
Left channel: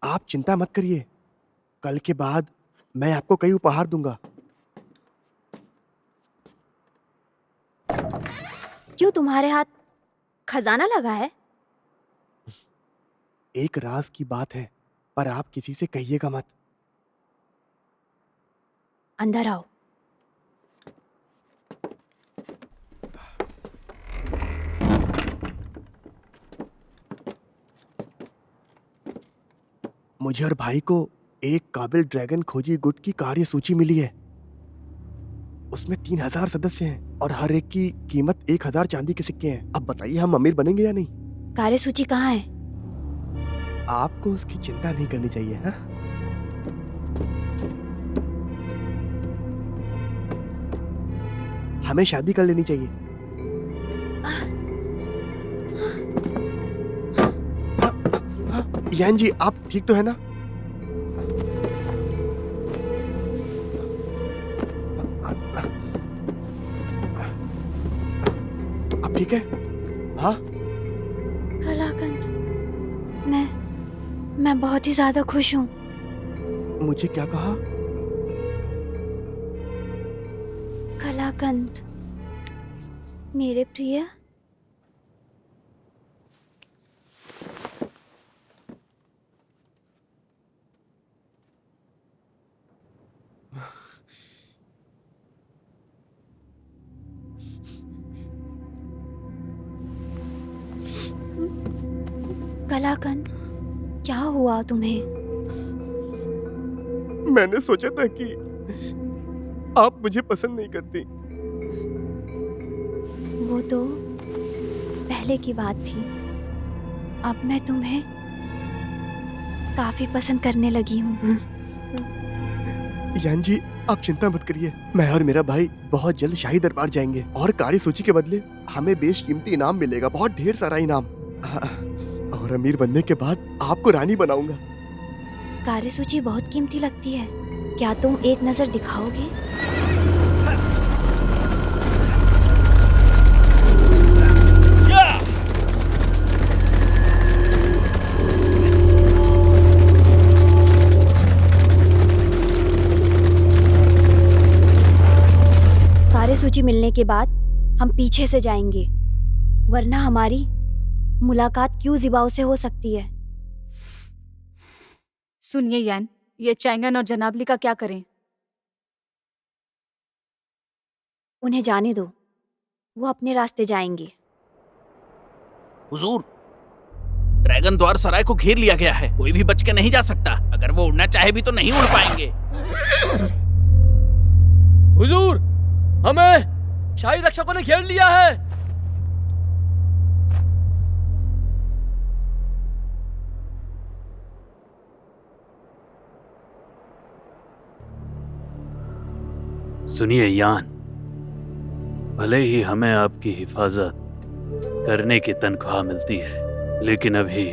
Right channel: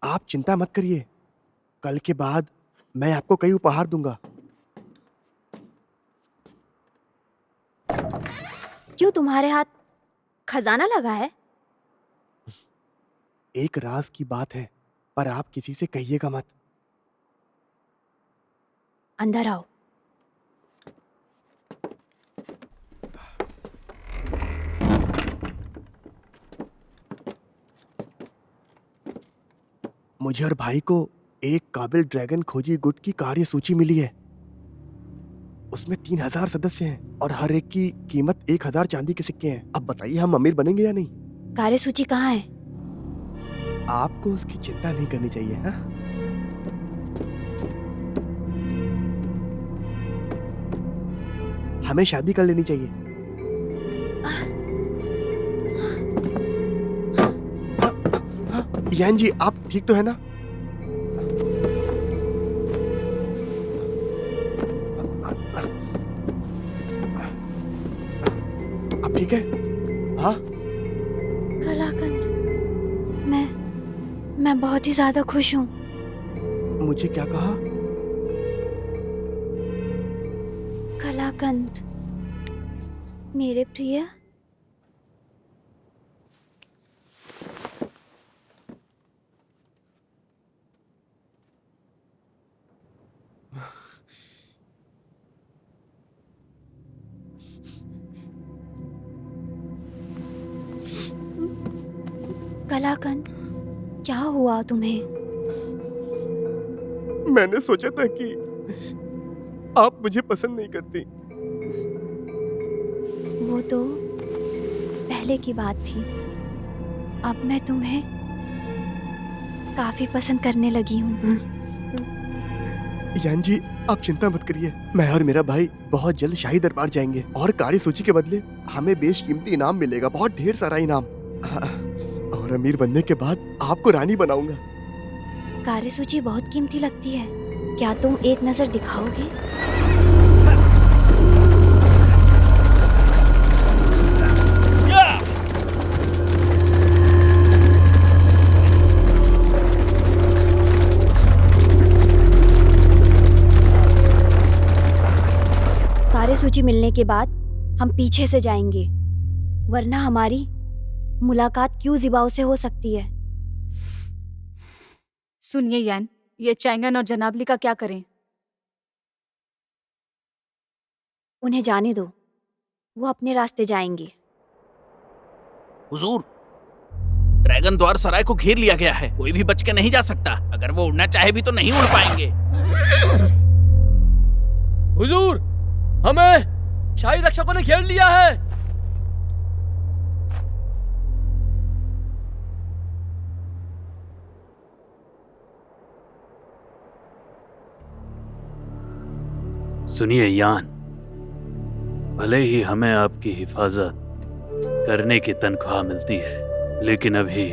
आप चिंता मत करिए, कल के बाद मैं आपको कई उपहार दूंगा। क्यों, तुम्हारे हाथ खजाना लगा है? एक राज की बात है, पर आप किसी से कहिएगा मत। अंदर आओ। मुझे और भाई को एक काबिल ड्रैगन खोजी गुट की कार्य सूची मिली है। उसमें 3000 सदस्य हैं और हर एक की कीमत 1000 चांदी के सिक्के हैं। अब बताइए, हम अमीर बनेंगे या नहीं? कार्यसूची कहाँ है? आपको उसकी चिंता नहीं करनी चाहिए। हाँ, हमें शादी कर लेनी चाहिए। यान जी, आप ठीक तो है ना? आप ठीक है? हाँ? कलाकंद, मैं बहुत ही ज्यादा खुश हूँ। मुझे क्या कहा? कलाकंद, मेरे प्रिय। कलाकंद, क्या हुआ तुम्हें? मैंने सोचा था कि आप मुझे पसंद नहीं करती। वो तो पहले की बात थी। अब मैं तुम्हें काफी पसंद करने लगी हूँ। यान जी, आप चिंता मत करिए। मैं और मेरा भाई बहुत जल्द शाही दरबार जाएंगे और कार्यसूची के बदले हमें बेशकीमती इनाम मिलेगा, बहुत ढेर सारा इनाम। और अमीर बनने के बाद आपको रानी बनाऊंगा। कार्यसूची बहुत कीमती लगती है, क्या तुम एक नजर दिखाओगे? कार्यसूची मिलने के बाद हम पीछे से जाएंगे, वरना हमारी मुलाकात क्यों जिबाओ से हो सकती है। सुनिए यान, ये चैंगन और जनाबली का क्या करें? उन्हें जाने दो, वो अपने रास्ते जाएंगे। हुजूर, ड्रैगन द्वार सराय को घेर लिया गया है, कोई भी बच के नहीं जा सकता। अगर वो उड़ना चाहे भी तो नहीं उड़ पाएंगे। हुजूर, हमें शाही रक्षकों ने घेर लिया है। सुनिए यान, भले ही हमें आपकी हिफाजत करने की तनख्वाह मिलती है, लेकिन अभी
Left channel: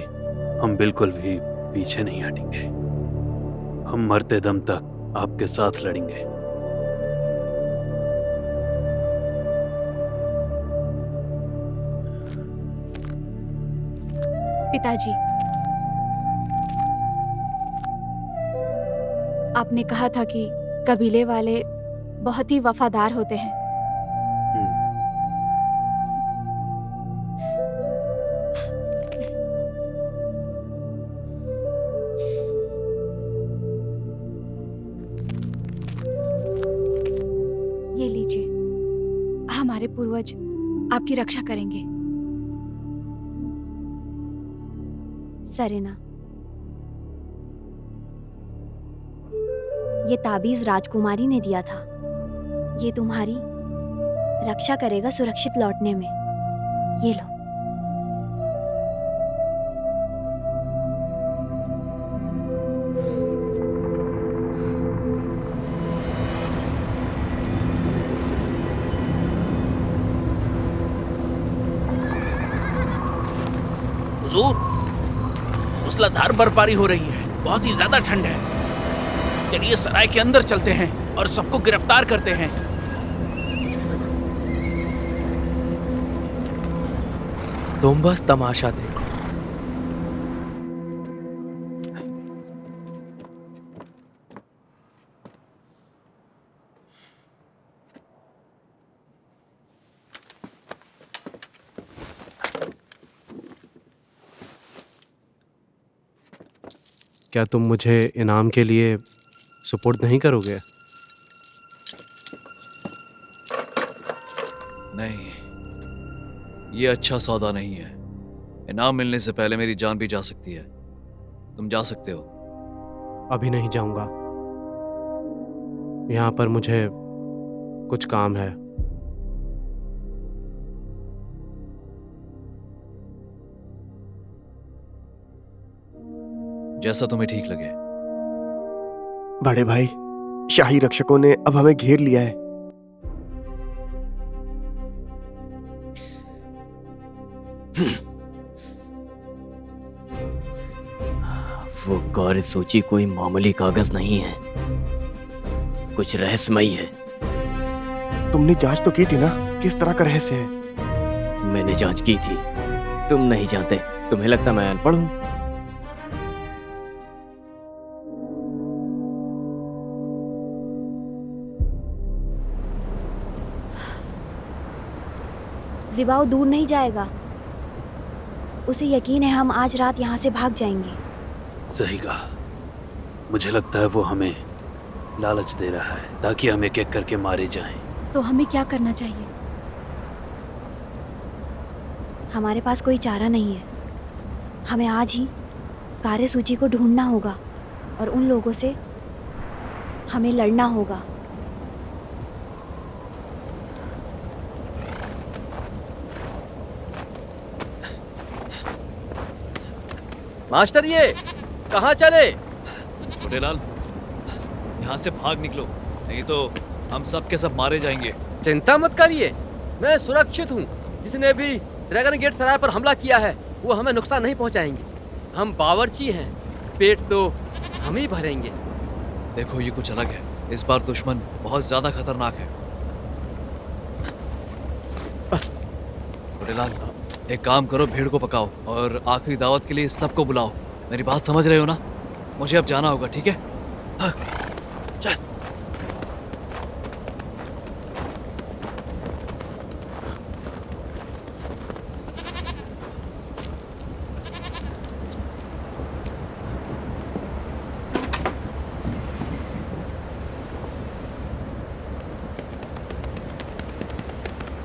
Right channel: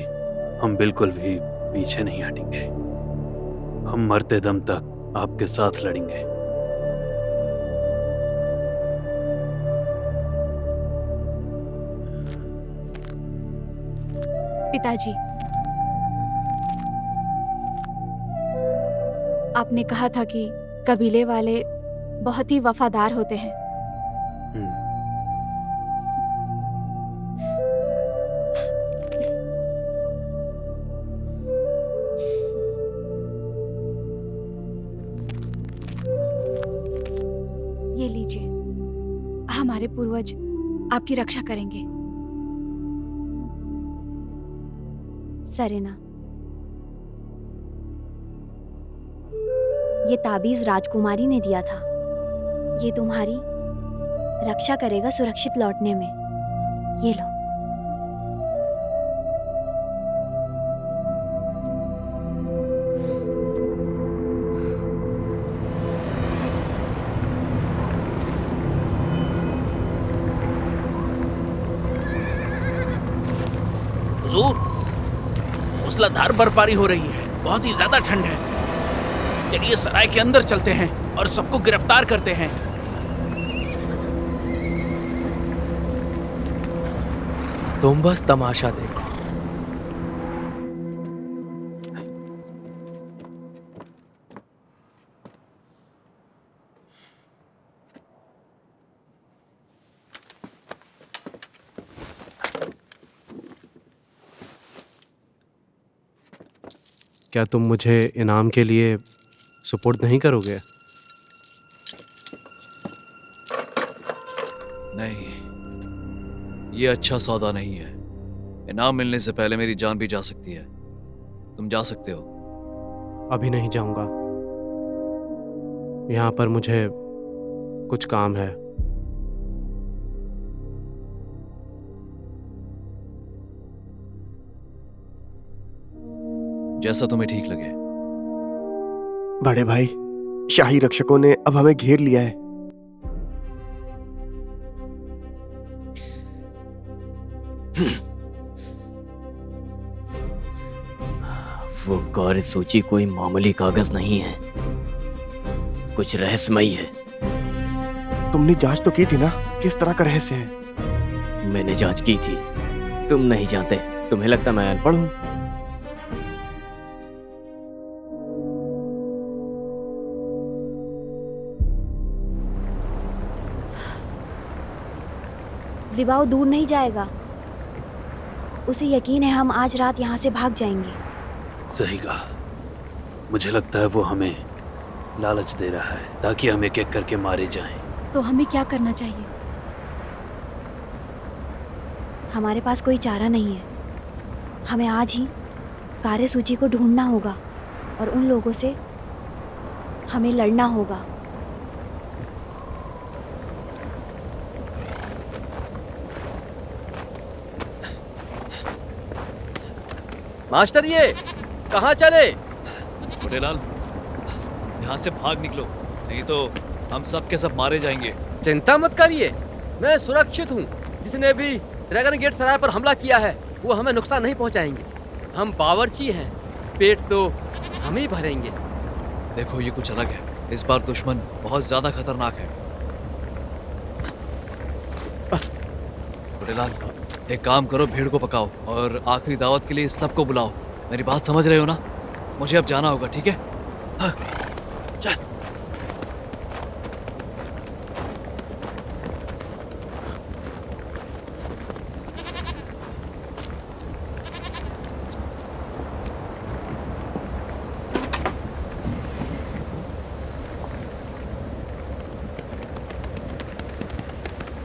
हम बिल्कुल भी पीछे नहीं हटेंगे। हम मरते दम तक आपके साथ लड़ेंगे। पिताजी, आपने कहा था कि कबीले वाले बहुत ही वफादार होते हैं। ये लीजिए, हमारे पूर्वज आपकी रक्षा करेंगे। सरेना, ये ताबीज राजकुमारी ने दिया था। ये तुम्हारी रक्षा करेगा सुरक्षित लौटने में। ये लो। हुजूर, मूसलाधार बर्फबारी हो रही है, बहुत ही ज्यादा ठंड है। चलिए सराय के अंदर चलते हैं और सबको गिरफ्तार करते हैं। तुम बस तमाशा देखो। क्या तुम मुझे इनाम के लिए सुपुर्द नहीं करोगे? नहीं, ये अच्छा सौदा नहीं है। इनाम मिलने से पहले मेरी जान भी जा सकती है। तुम जा सकते हो। अभी नहीं जाऊंगा। यहाँ पर मुझे कुछ काम है। जैसा तुम्हें ठीक लगे। बड़े भाई, शाही रक्षकों ने अब हमें घेर लिया है। वो कार्य सूची कोई मामूली कागज नहीं है, कुछ रहस्यमयी है। तुमने जांच तो की थी ना, किस तरह का रहस्य है? मैंने जांच की थी, तुम नहीं जानते। तुम्हें लगता मैं अनपढ़ हूं? जिबाओ दूर नहीं जाएगा। उसे यकीन है हम आज रात यहाँ से भाग जाएंगे। सही कहा। मुझे लगता है वो हमें लालच दे रहा है ताकि हम एक एक करके मारे जाएं। तो हमें क्या करना चाहिए? हमारे पास कोई चारा नहीं है। हमें आज ही कार्यसूची को ढूंढना होगा और उन लोगों से हमें लड़ना होगा। मास्टर, ये कहाँ चले? बुढ़ेलाल, यहाँ से भाग निकलो, नहीं तो हम सब के सब मारे जाएंगे। चिंता मत करिए, मैं सुरक्षित हूँ। जिसने भी ड्रैगन गेट सराय पर हमला किया है वो हमें नुकसान नहीं पहुँचाएंगे। हम बावर्ची हैं, पेट तो हम ही भरेंगे। देखो, ये कुछ अलग है। इस बार दुश्मन बहुत ज्यादा खतरनाक है। बुढ़ेलाल, एक काम करो, भीड़ को पकाओ और आखिरी दावत के लिए सबको बुलाओ। मेरी बात समझ रहे हो ना? मुझे अब जाना होगा, ठीक है? हाँ, चल।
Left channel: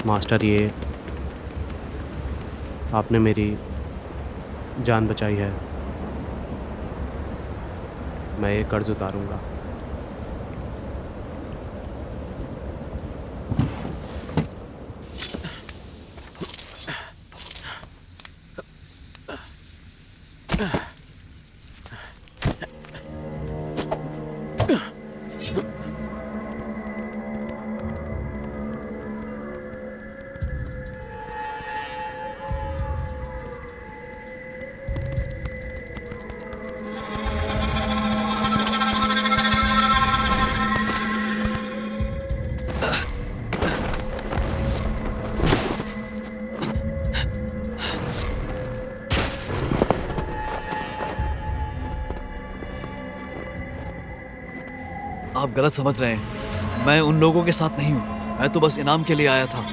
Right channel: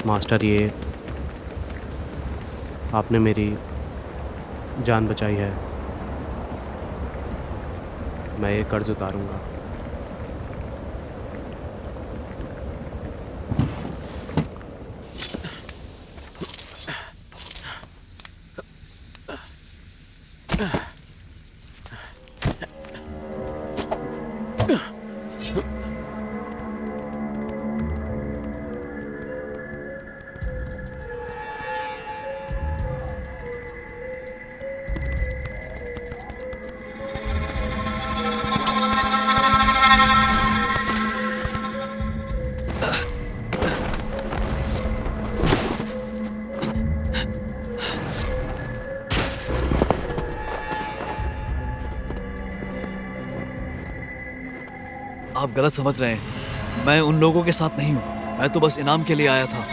मास्टर, ये आपने मेरी जान बचाई है। मैं ये कर्ज उतारूंगा। आप गलत समझ रहे हैं। मैं उन लोगों के साथ नहीं हूँ। मैं तो बस इनाम के लिए आया था।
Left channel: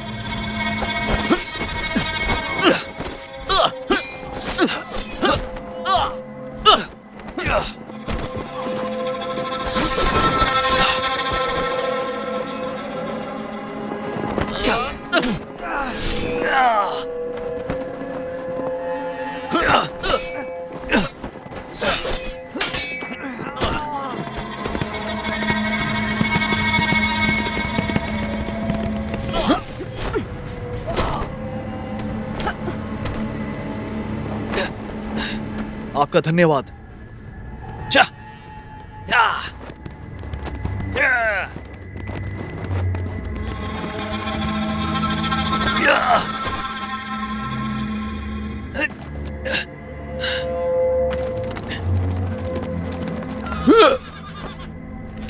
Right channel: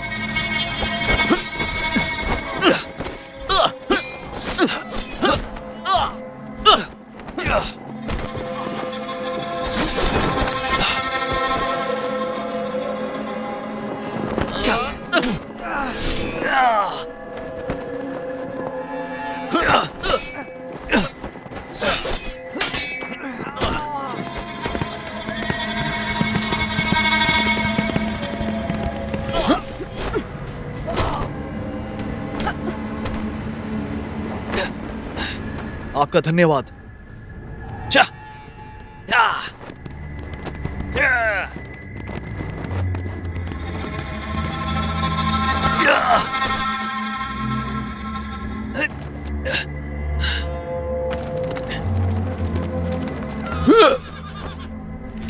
आपका धन्यवाद।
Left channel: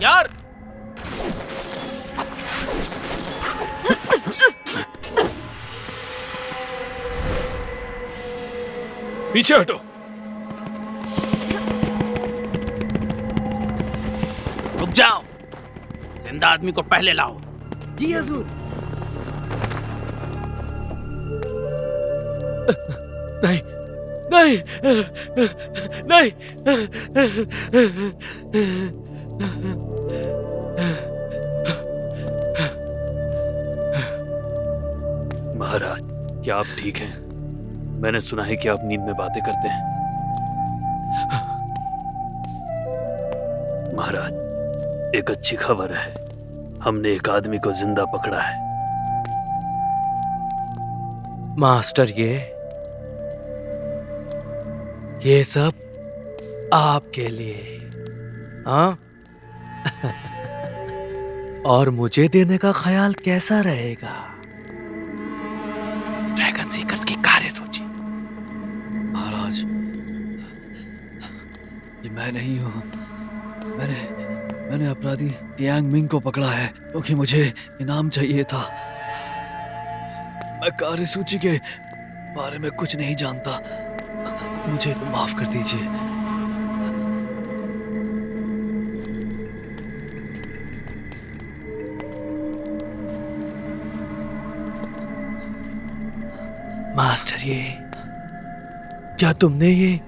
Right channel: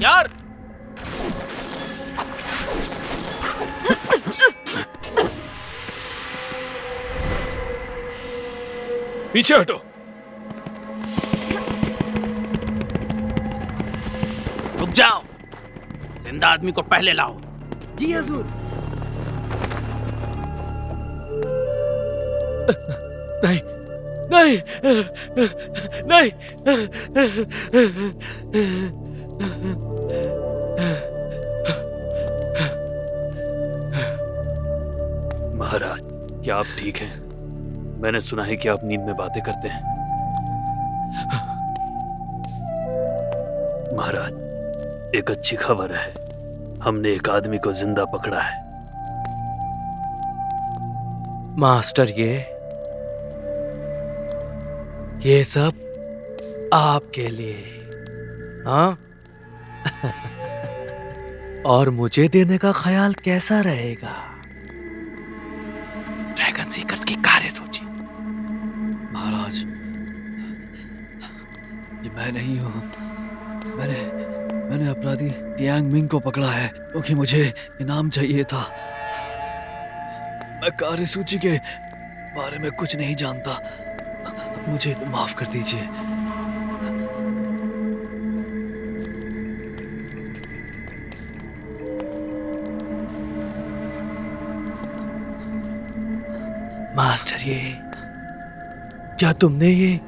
यार पीछे हटो। रुक जाओ, जिंदा आदमी को पहले लाओ। जी हजूर। नहीं नहीं नहीं। महाराज, क्या आप ठीक हैं? मैंने सुना है कि आप नींद में बातें करते हैं। महाराज, एक अच्छी खबर है। हमने एक आदमी को जिंदा पकड़ा है। मास्टर, ये सब आपके लिए। हाँ। और मुझे देने का ख्याल कैसा रहेगा? ड्रैगन सीकर्स की कार्यसूची। महाराज, ये मैं नहीं हूँ। मैंने अपराधी टियांग मिंग को पकड़ा है क्योंकि मुझे इनाम चाहिए था। मैं कार्यसूची के बारे में कुछ नहीं जानता। मुझे माफ कर दीजिए। मास्टर, क्या तुमने ये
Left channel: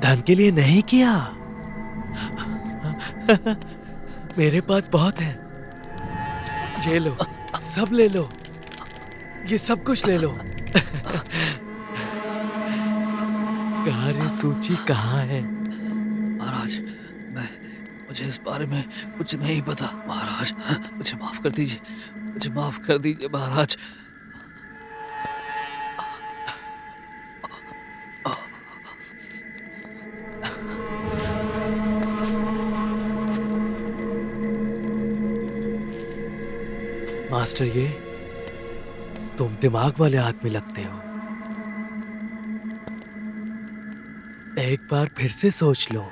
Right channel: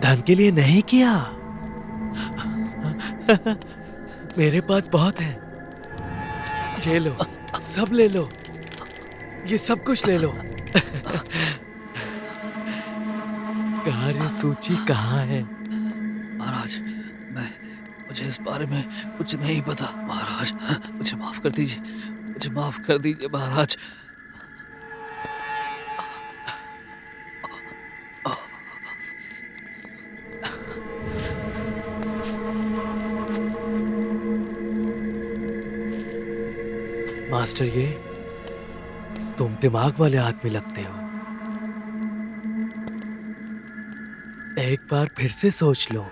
धन के लिए नहीं किया? मेरे पास बहुत है। ये लो, सब ले लो। ये सब कुछ ले लो। कार्य सूची कहाँ है? महाराज, मुझे इस बारे में कुछ नहीं पता। महाराज, मुझे माफ कर दीजिए। मुझे माफ कर दीजिए महाराज। मास्टर, तुम दिमाग वाले आदमी लगते हो। एक बार फिर से सोच लो।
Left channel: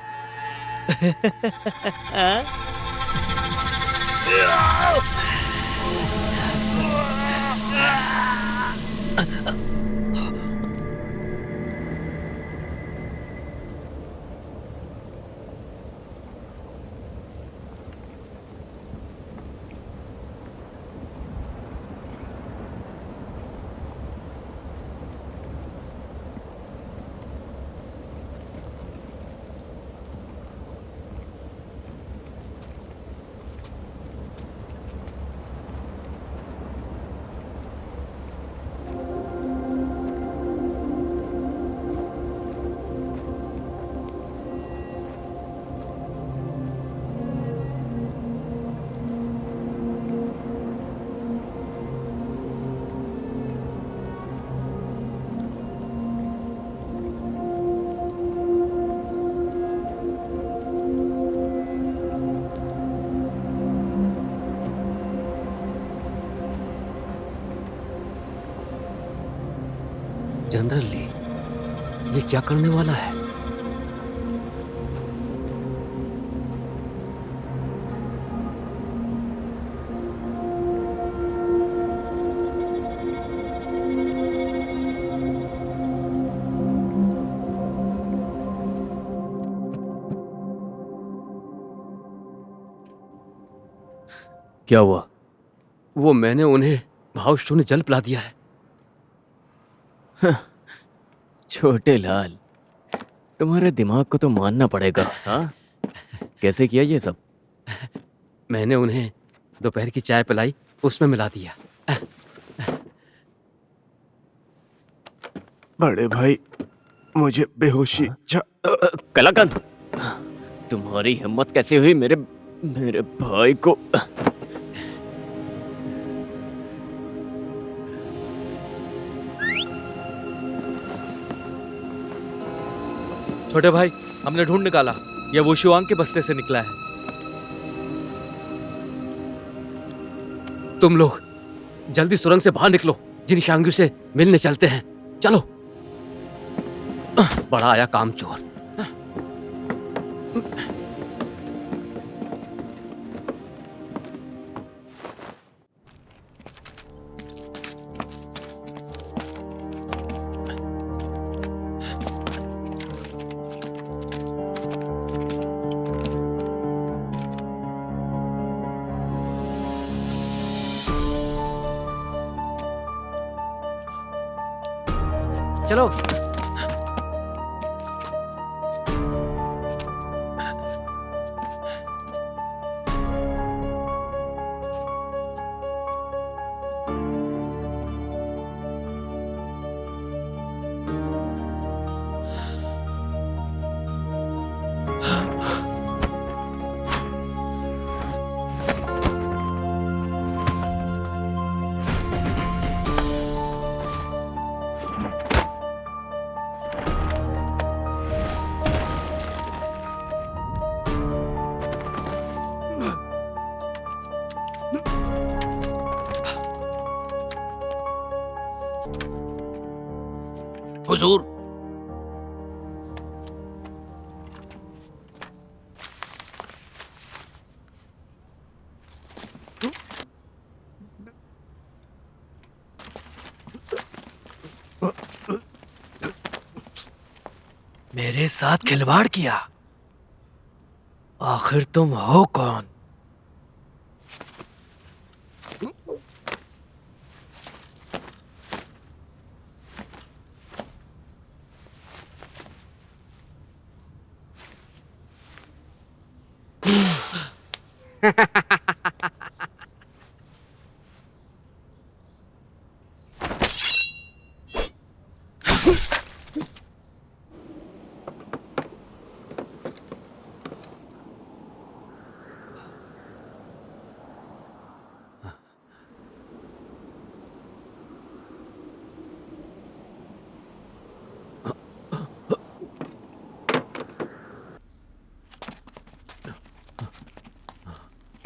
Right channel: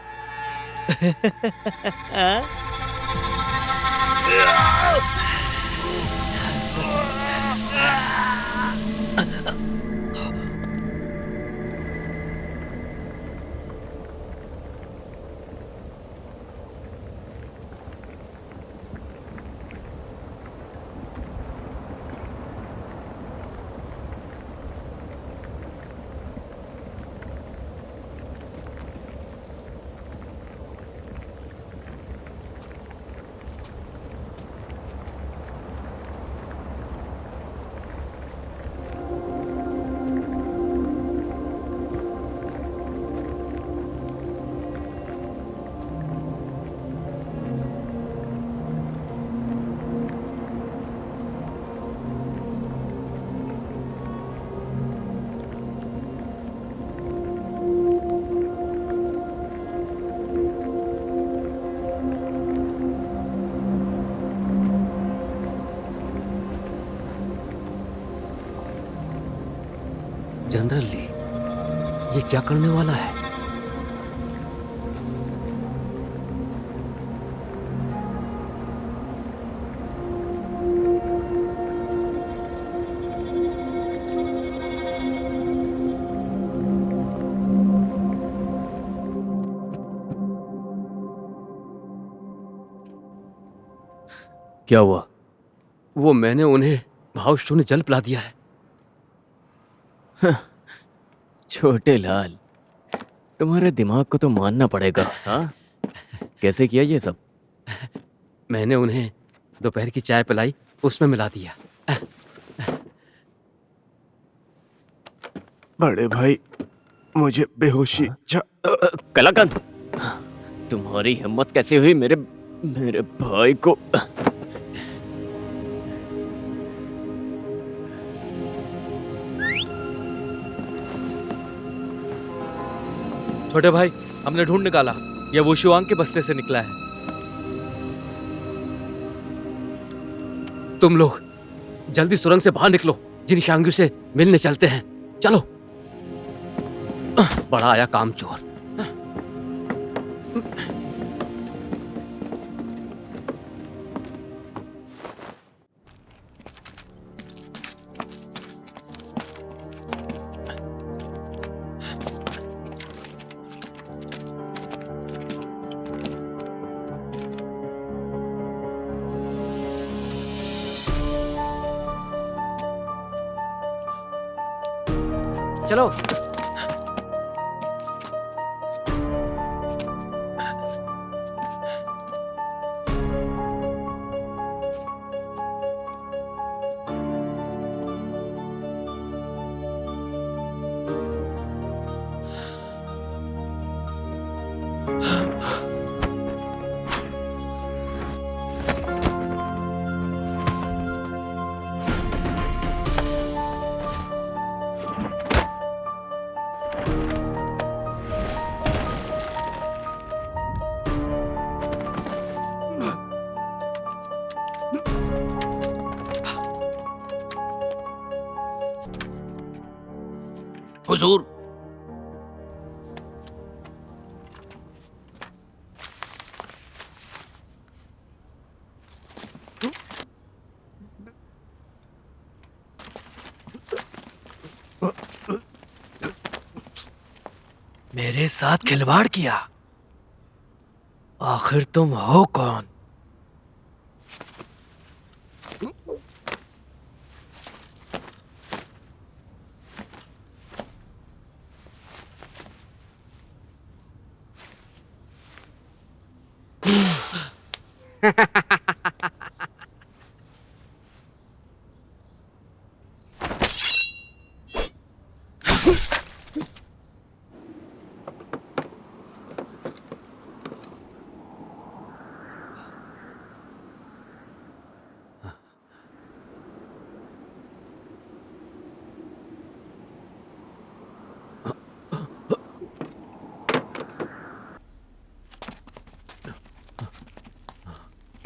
जनरल ली, ये क्या करने वाला है? क्या हुआ? वो मैंने उन्हें भाव शून्य जल पिला दिया है। छोटे लाल, तुम्हारे दिमाग को तो मानना पड़ेगा। हाँ, कैसे किया ये सब? मैंने उन्हें दोपहर की चाय पिलाई, उसमें मिला दिया। बड़े भाई, मुझे बेहोशी कलाकंद, तुम्हारी हिम्मत कैसे हुई मेरे भाई को? छोटे भाई, हमने ढूंढ निकाला, यह वुशुआंग के बस्ते से निकला है। तुम लोग जल्दी सुरंग से बाहर निकलो, जिन शांग्यू से मिलने चलते हैं। चलो। बड़ा आया कामचोर। चलो। हुजूर, मेरे साथ खिलवाड़ किया। आखिर तुम हो कौन?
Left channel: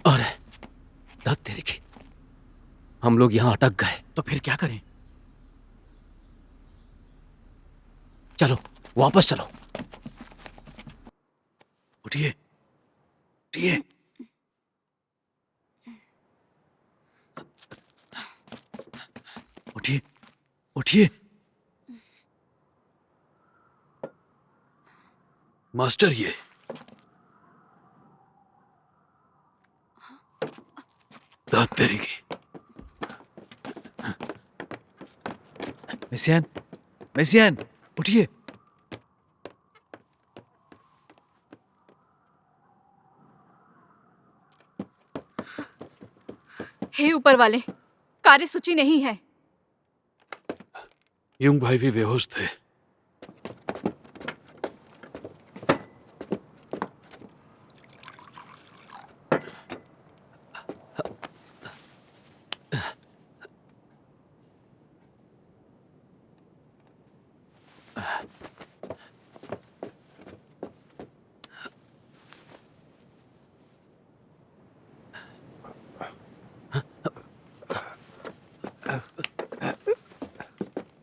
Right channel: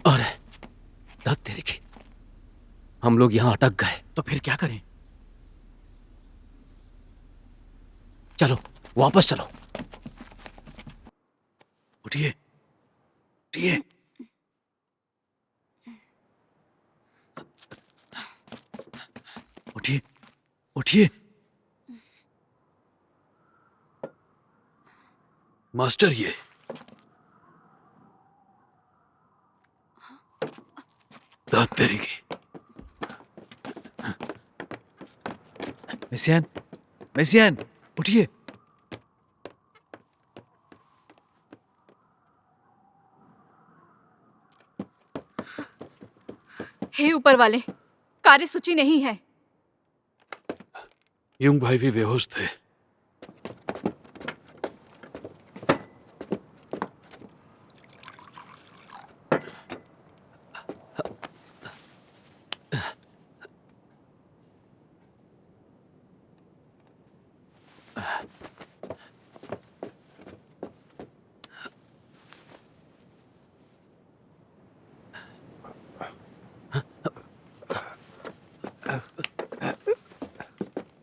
अरे धत तेरी की, हम लोग यहां अटक गए। तो फिर क्या करें? चलो वापस चलो। उठिए, उठिए। उठिए, उठिए। मास्टर, ये दाद तेरी की। मेसियान, मेसियान, उठिए। हे ऊपर वाले, कार्यसूची नहीं है। युंग भाई भी बेहोश थे।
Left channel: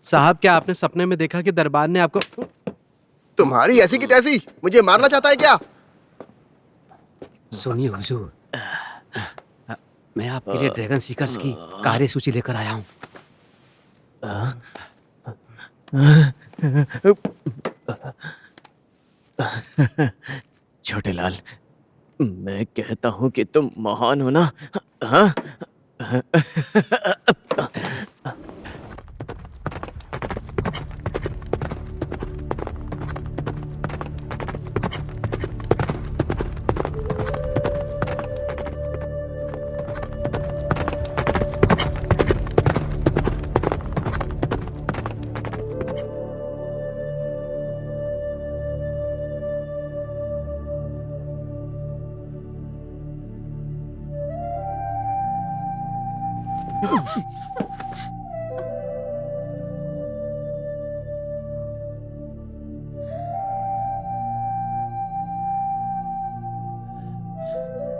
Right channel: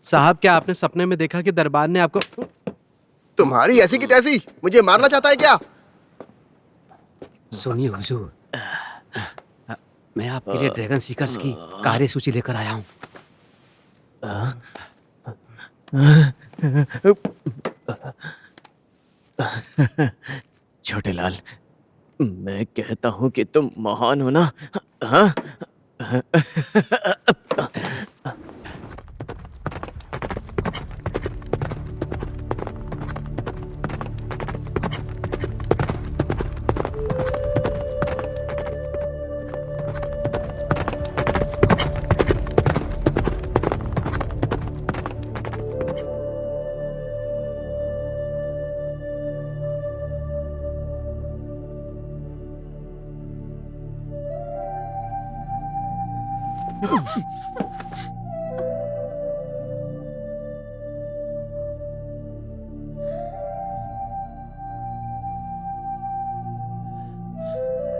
साहब, क्या आपने सपने में देखा कि दरबार ने आपको? तुम्हारी ऐसी की तैसी, मुझे मारना चाहता है क्या? सुनिए हुजूर, मैं आपके लिए ड्रैगन सीकर्स की कार्यसूची लेकर आया हूँ। छोटे लाल, मैं कहता हूँ कि तुम महान हो ना? हाँ?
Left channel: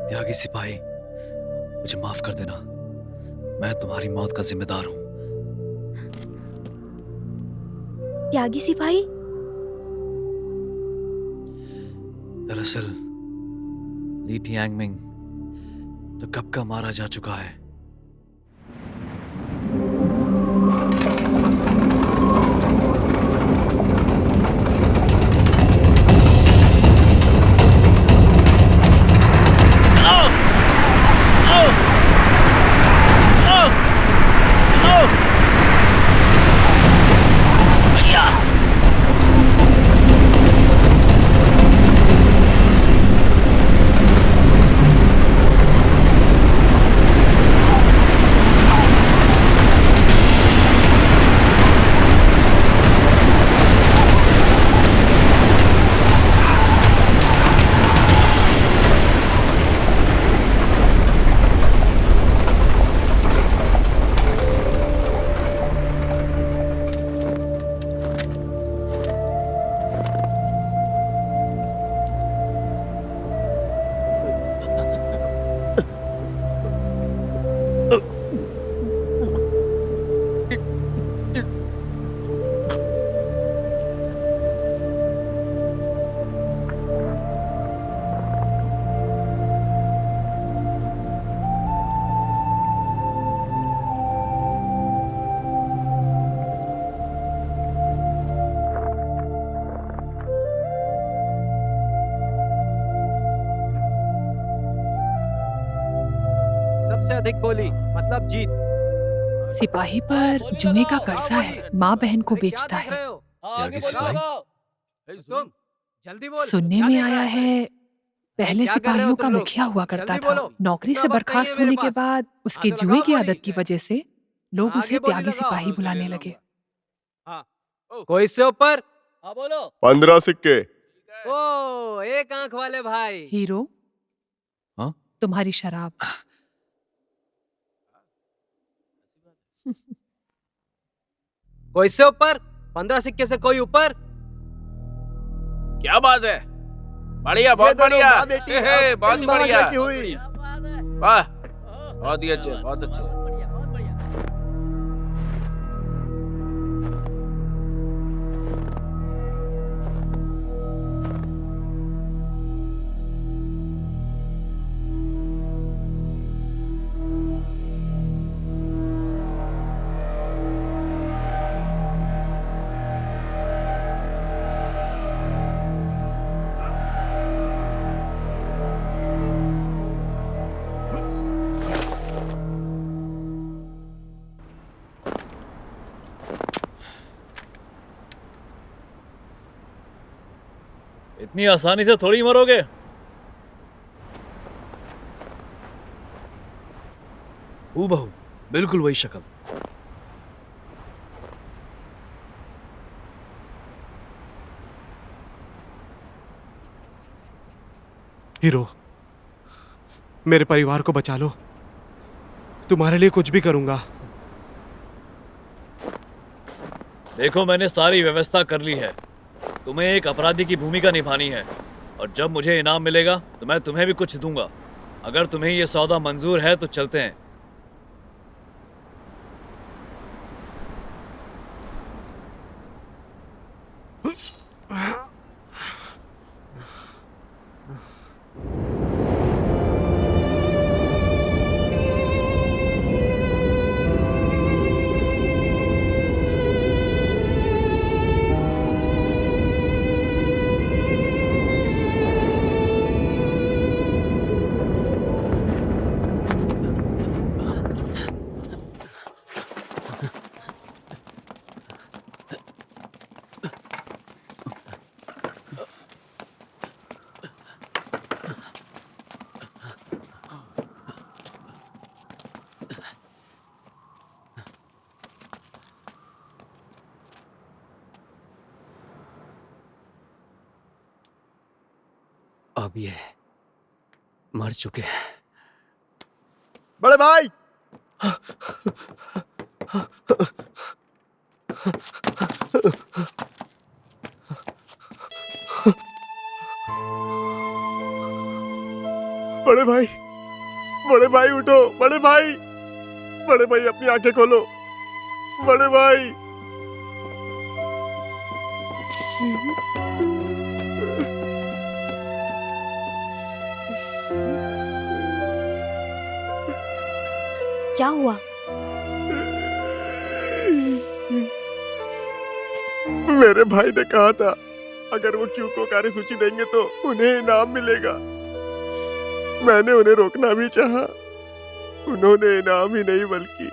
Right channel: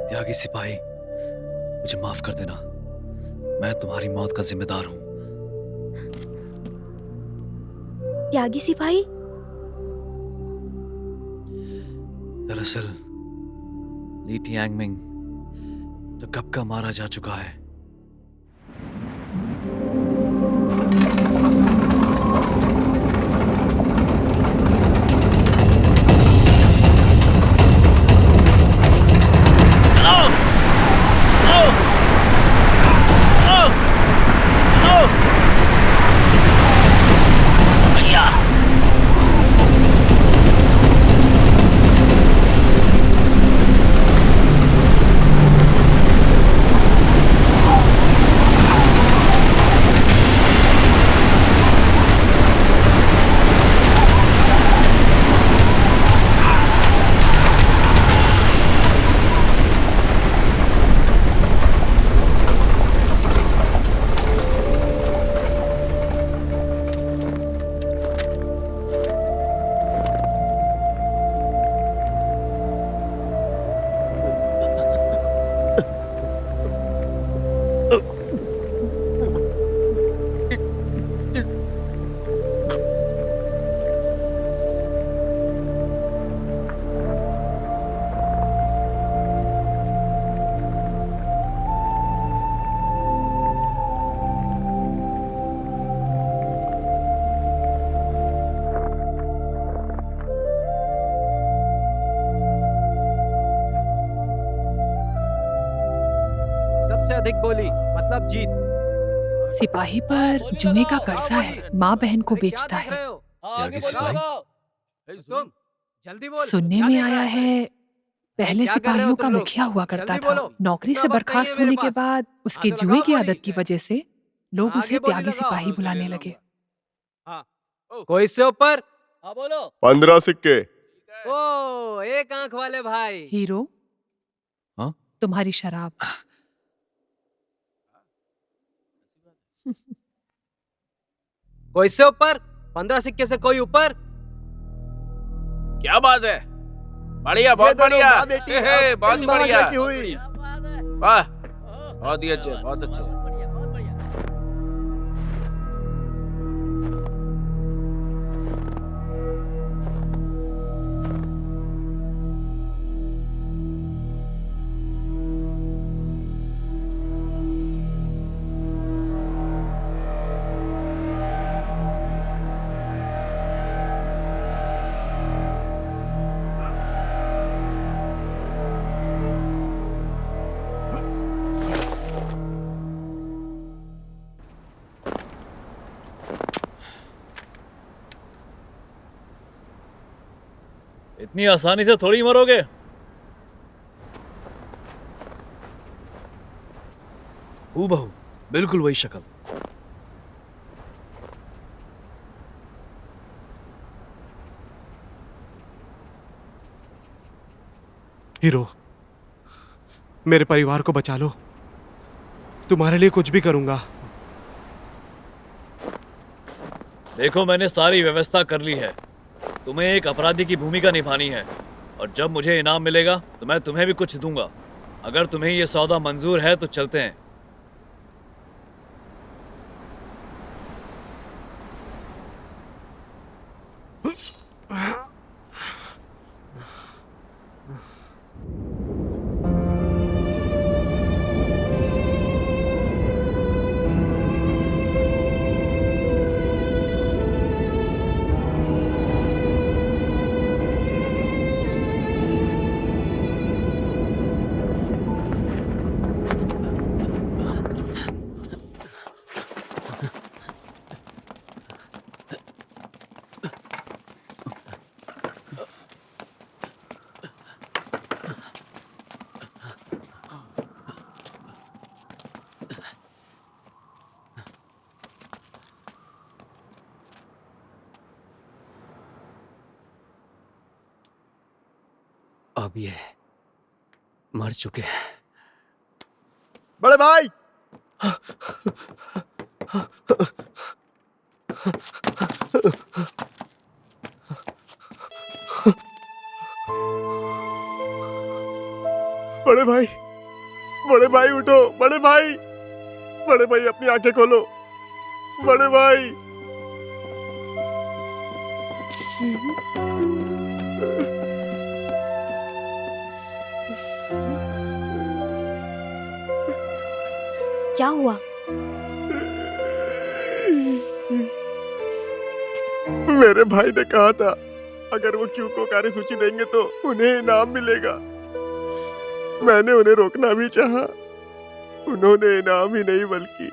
त्यागी सिपाही, मुझे माफ कर देना। मैं तुम्हारी मौत का जिम्मेदार हूं। त्यागी सिपाही, दरअसल ली टियांगमिंग तो कब का मारा जा चुका है। सबसे अधिक बोली मतलब जीत। सिपाही पर जुए का कर्जा है, माँ बहन को बेचता है। त्यागी सिपाही, तुम जल्दी बोल। सुनने में आया है पहले क्या कर रहे हो सिपाहियों तुम का लोग? मुखिया हुआ करता जल्दी था। बोलो। नौकरी से इतना वक्त नहीं है बर्खास्त मेरे होने के पास। बाद उसके हाँ, तो जुए लगाओ की बोली। आदत की वजह से लोग आगे उसे बोली त्यागी लगाओ। सिपाही बुलाने लगे। कोई इससे ऊपर? हाँ बोलो। 15 सिक्के। ओ, एक आंख वाले भाई। हीरो, हाँ? तुम्हारी शराब। कोई इससे ऊपर? 15 सिक्के से कोई ऊपर? क्या बात है, बढ़िया, बहुत बढ़िया। बहुत ही बढ़िया, वाह, बहुत ही अच्छे, बहुत अच्छे। इतनी आसानी से थोड़ी मरोगे। हूबहू बिल्कुल वही शक्ल। हीरो, मेरे परिवार को बचा लो। तुम्हारे लिए कुछ भी करूंगा। देखो, मैंने सारी व्यवस्था कर ली है। तुम्हें एक अपराधी की भूमिका निभानी है और जब मुझे इनाम मिलेगा तो मैं तुम्हें भी कुछ दूंगा। अगर तुम्हें यह सौदा मंजूर है तो चलते हैं। अब ये मर चुके हैं। बड़े भाई, बड़े भाई, बड़े भाई उठो, बड़े भाई, बड़े भाई अपनी आंखें खोलो, बड़े भाई। क्या हुआ? मेरे भाई ने कहा था अगर वो क्यू को कार्यसूची देंगे तो उन्हें इनाम मिलेगा। मैंने उन्हें रोकना भी चाहा, उन्होंने इनाम ही नहीं बल्कि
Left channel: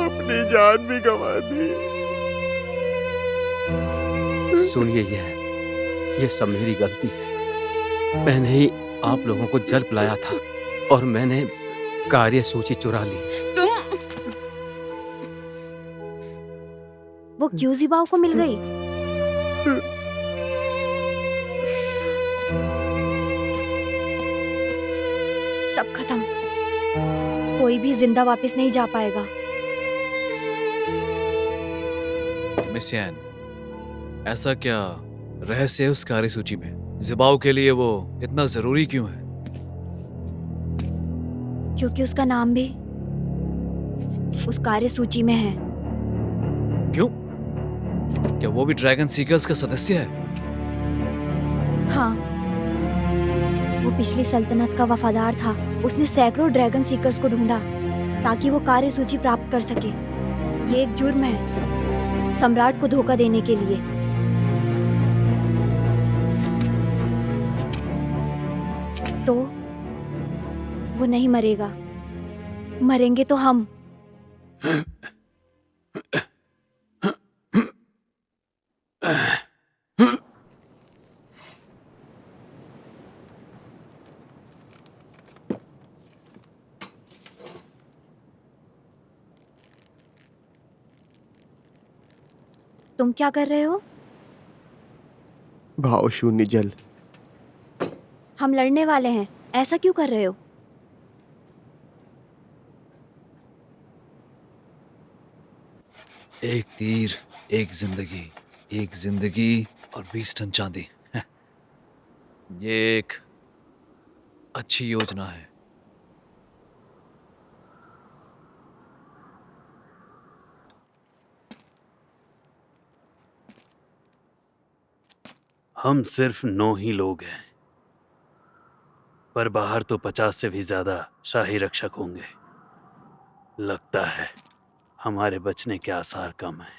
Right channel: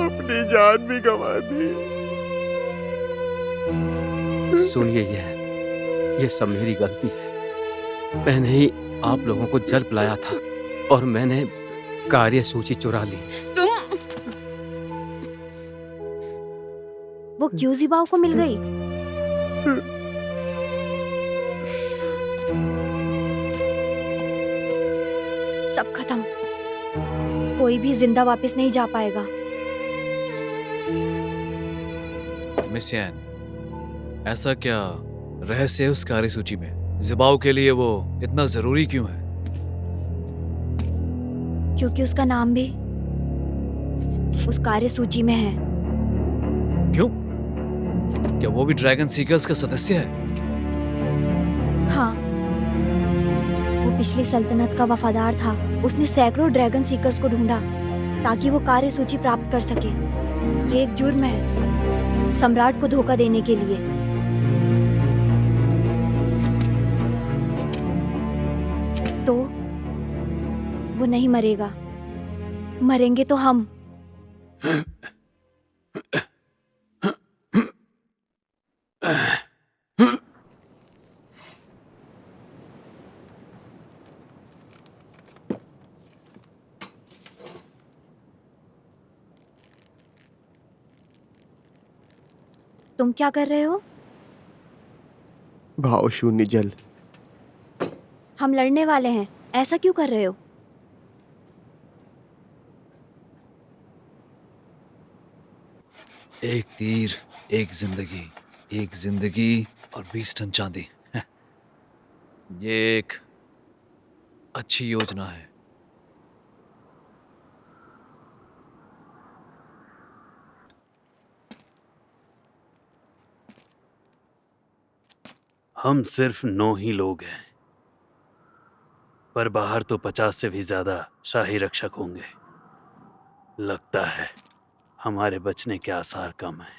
अपनी जान भी गंवा दी। सुनिए, ये सब मेरी गलती है। मैंने ही आप लोगों को जल पिलाया था और मैंने कार्यसूची चुरा ली। तुम वो क्यों जिबाओ को मिल गई? सब खत्म, कोई भी जिंदा वापस नहीं जा पाएगा। मिस यान, ऐसा क्या रहस्य है उस कार्यसूची में? जिबाओ के लिए वो इतना जरूरी क्यों है? क्योंकि उसका नाम भी उस कार्यसूची में है। क्यों? क्या वो भी ड्रैगन सीकर्स का सदस्य है? हाँ, वो पिछली सल्तनत का वफादार था। उसने सैकड़ों ड्रैगन सीकर्स को ढूंढा ताकि वो कार्यसूची प्राप्त कर सके। ये एक जुर्म है सम्राट को धोखा देने के लिए। तो वो नहीं मरेगा, मरेंगे तो हम। तुम क्या कर रहे हो? भाव शून्य जल। हम लड़ने वाले हैं, ऐसा क्यों कर रहे हो? एक तीर, एक जिंदगी और 20 टन चांदी। ये एक अच्छी योजना है। हम सिर्फ 9 ही लोग हैं, पर बाहर तो 50 से भी ज्यादा शाही रक्षक होंगे। लगता है हमारे बचने के आसार कम हैं।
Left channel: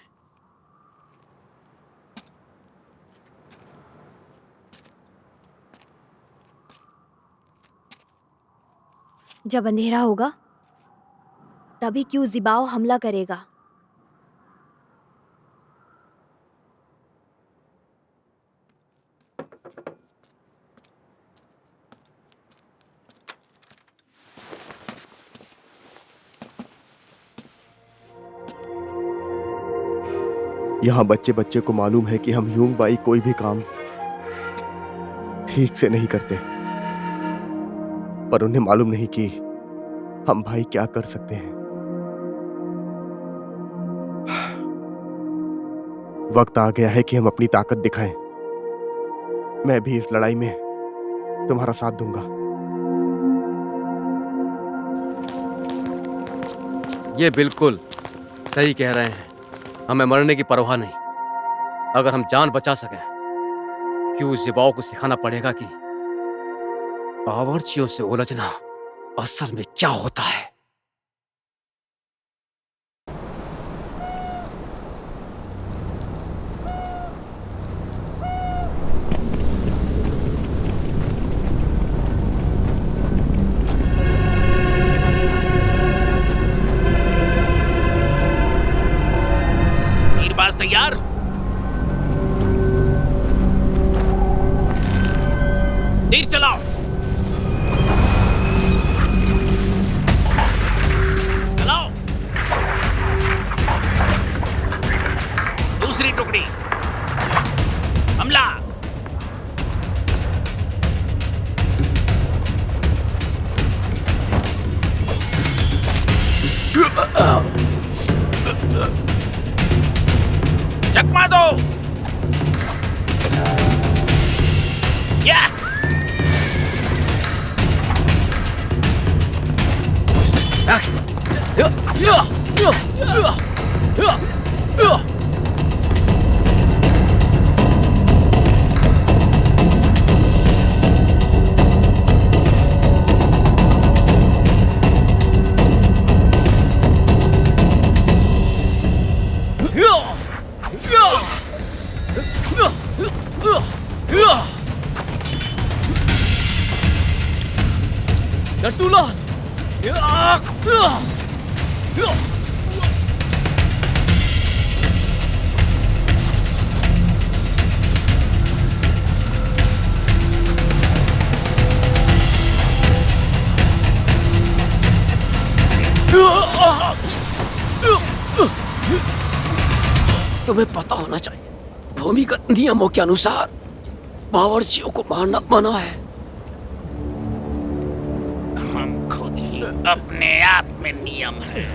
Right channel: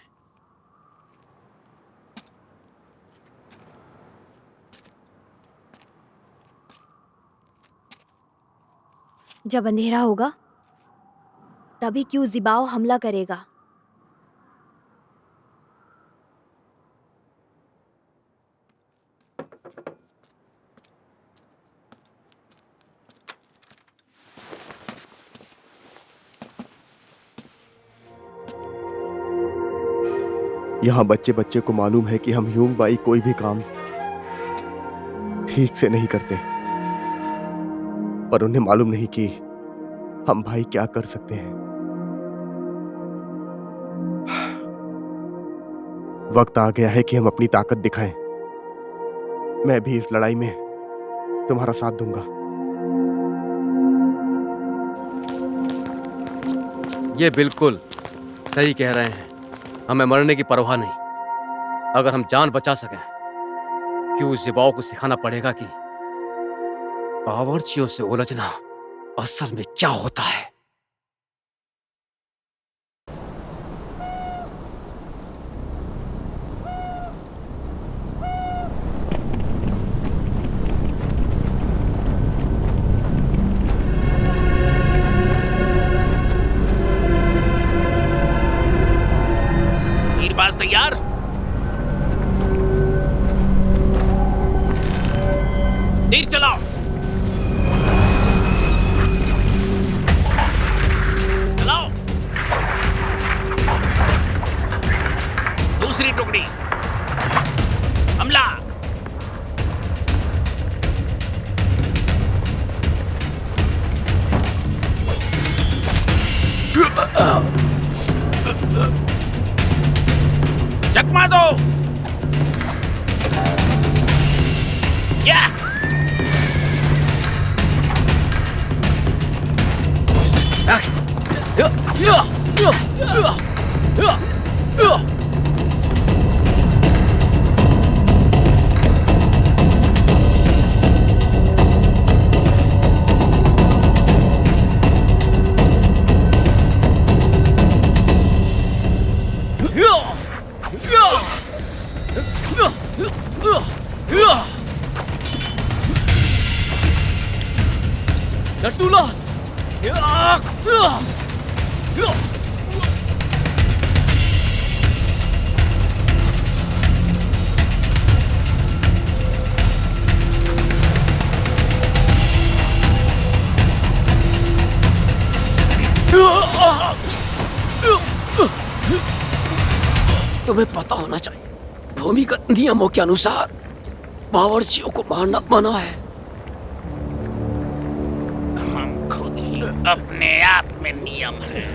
जब अंधेरा होगा तभी क्यों जिबाओ हमला करेगा। यहाँ बच्चे बच्चे को मालूम है कि हम ह्यूंग बाई कोई भी काम ठीक से नहीं करते, पर उन्हें मालूम नहीं कि हम भाई क्या कर सकते हैं। वक्त आ गया है कि हम अपनी ताकत दिखाएं। मैं भी इस लड़ाई में तुम्हारा साथ दूंगा। ये बिल्कुल सही कह रहे हैं। हमें मरने की परवाह नहीं। अगर हम जान बचा सकें, क्यों जिबाओ को सिखाना पड़ेगा कि बावर्चियों से उलझना असल में क्या होता है। तीरबाज तैयार? तीर चलाओ। चलाओ। दूसरी टुकड़ी हमला। चकमा दो। या लट्टू लाल। तुम्हें पता होना चाहिए, भूमिगत नियमों के अनुसार बावर्चियों को मारना मना है। हम खुद ही अपने आप में नियम है।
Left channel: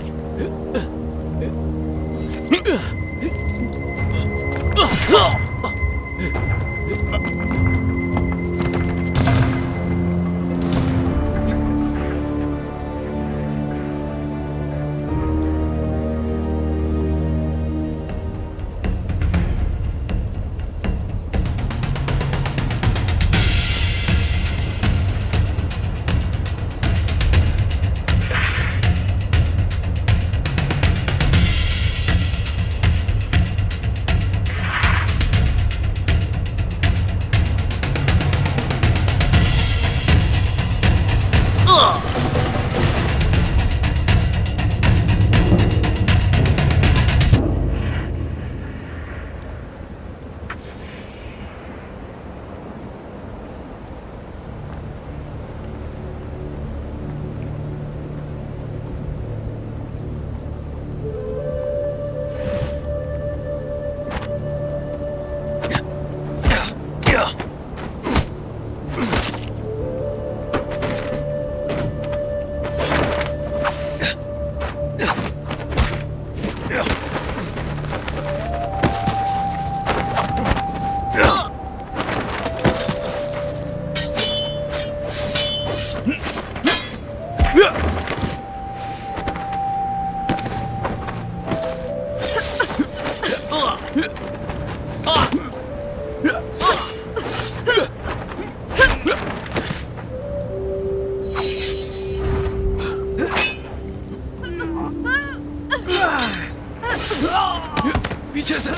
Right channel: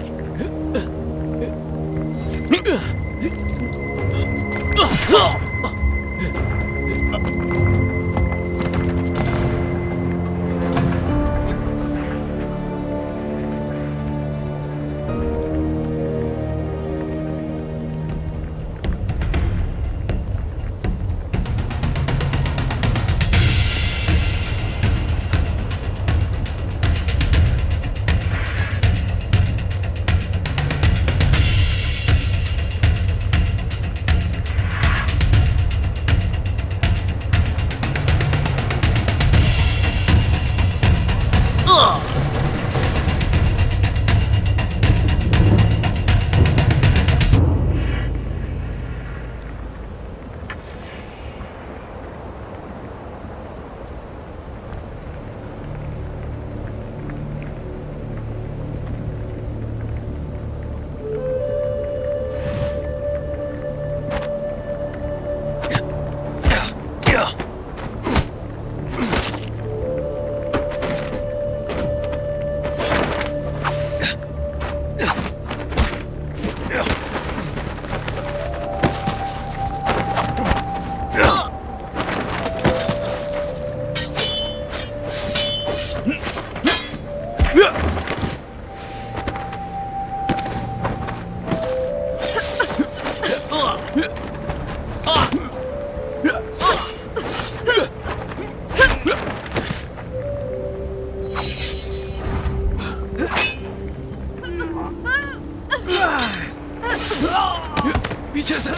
पीछे से।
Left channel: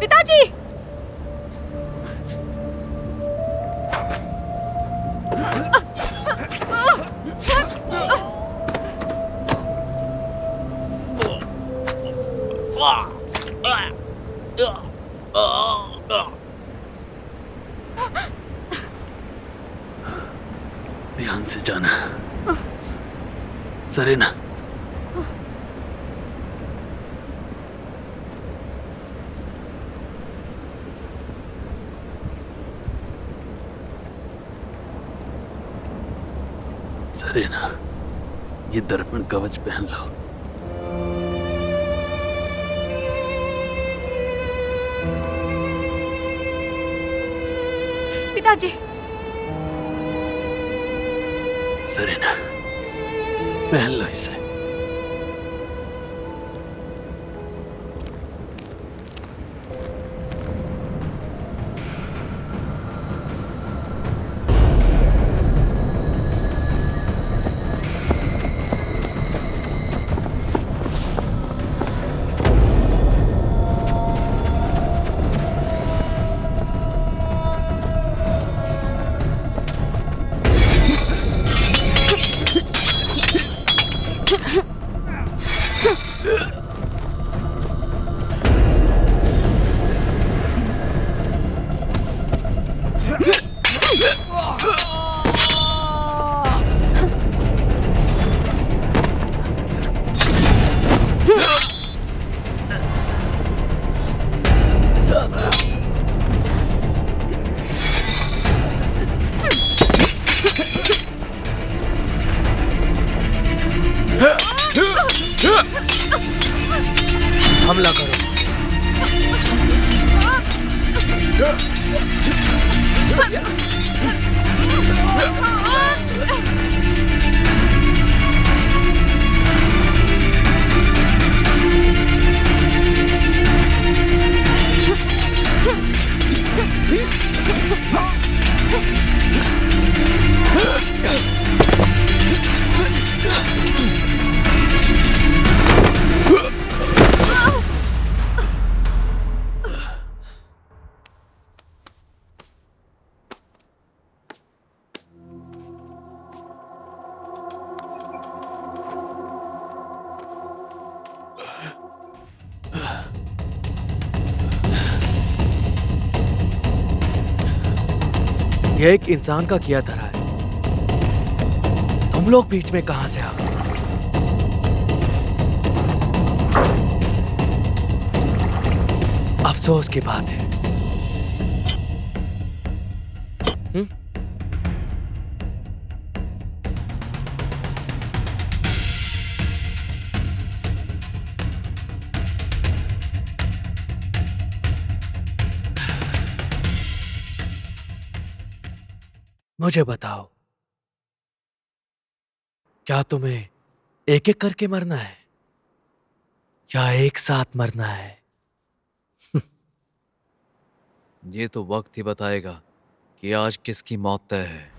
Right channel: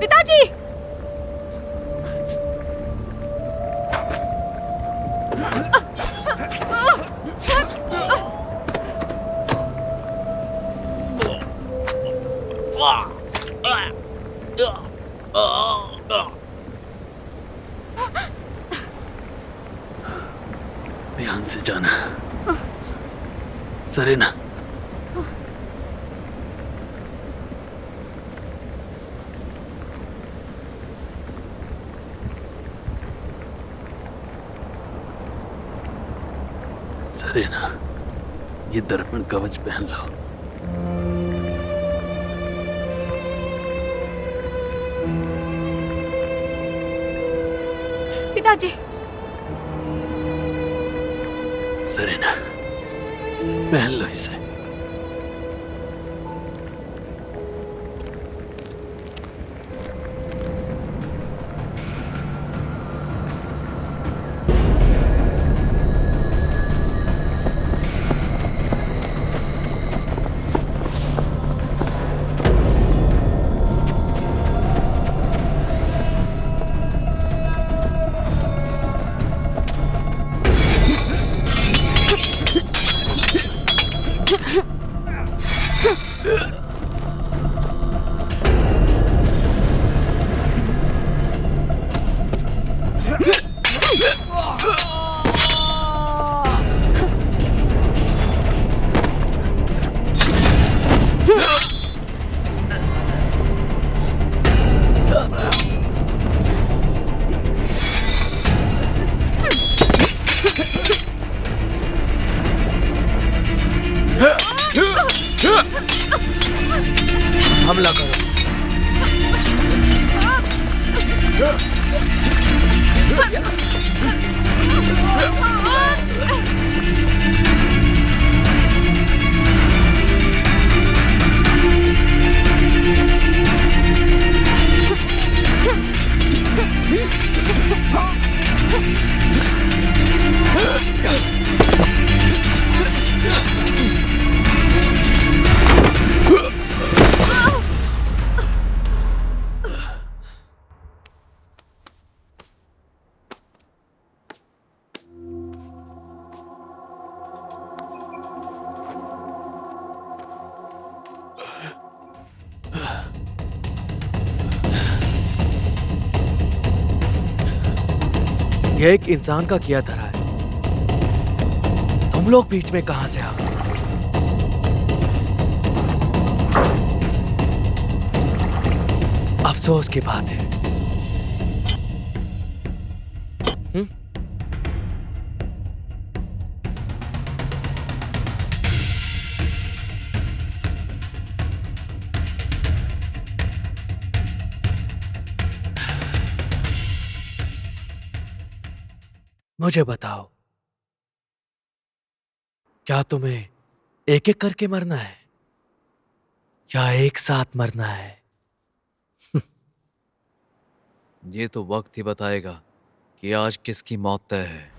पिताजी! ध्यान से जाना, सरेना। सरेना, ये दर्पण कवच पहन लो। पिताजी! सरेना, पहन लो इसे। हमला करो। यह एक इंसान का किया धरा है। तुम लोग बीच में कहां से आ गए? अफसोस की बात है। मुझे बताओ, क्या तुम्हें एक एक करके मरना है या एक साथ मरना है? ये तो वक्त ही बताएगा कि आज किसकी मौत तय है।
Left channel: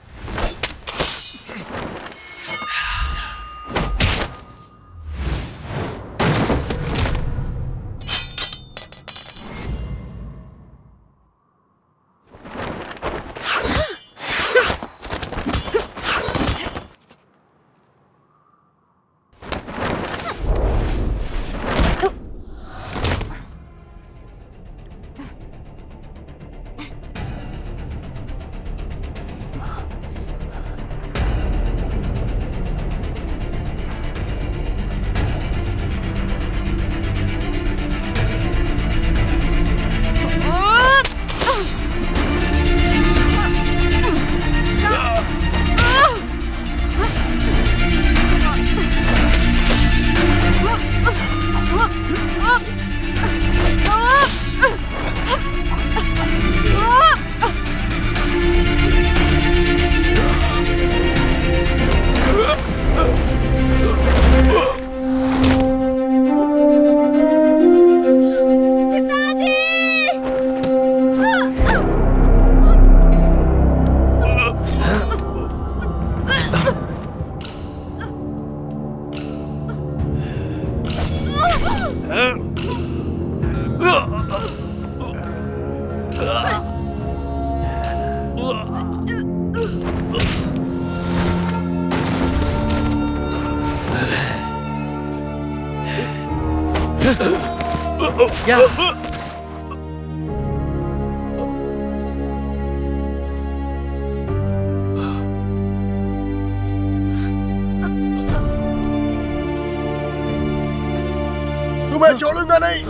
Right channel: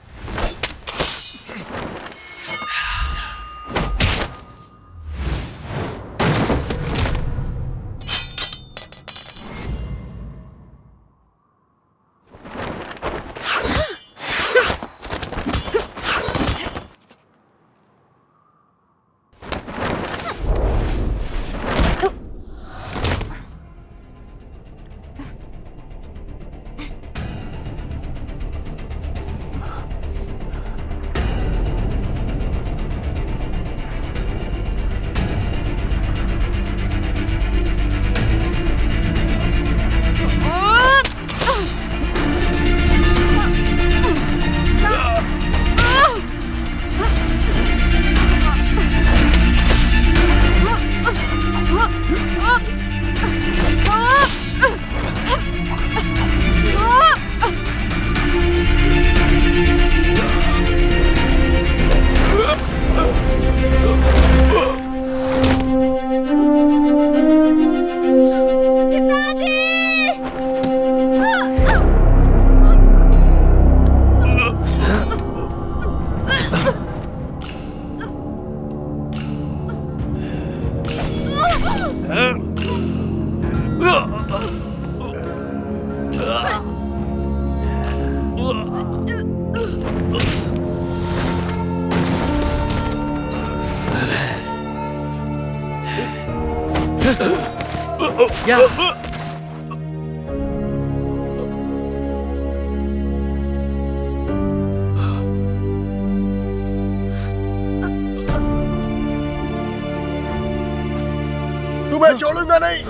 तुम्हें छोड़ूंगा नहीं।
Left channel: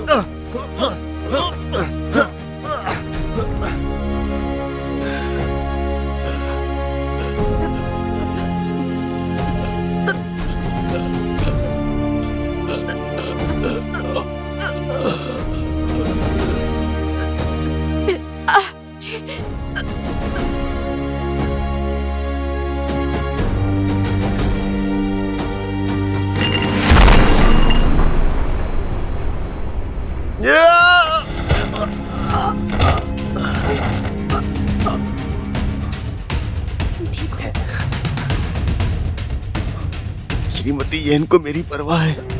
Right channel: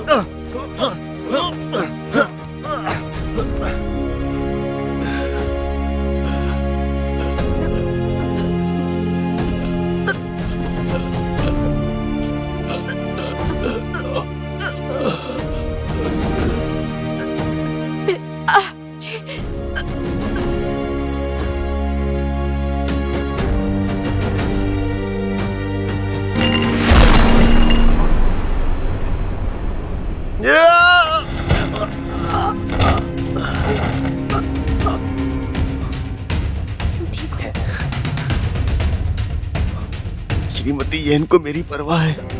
श्रीमती येन को मेरी परवाह है।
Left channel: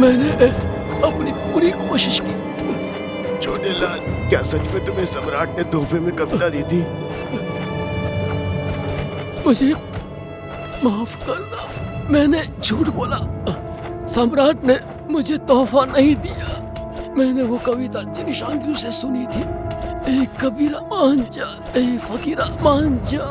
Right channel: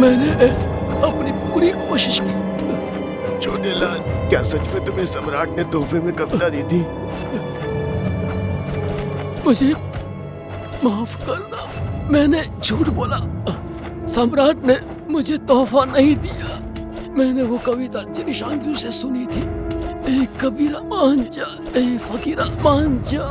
मैंने अपनी पूरी कोशिश की, छोटे लाल, क्या सच में तुम्हें सम्राट ने तोहफे में कविता दी थी? मुझे माफ करना, मैंने झूठ बोला। सम्राट ने मुझे तोहफा नहीं दिया। मैंने वो कविता जिन शांगियों से सुनी थी, ए कबीरा मान जा, ए फकीरा मान जा।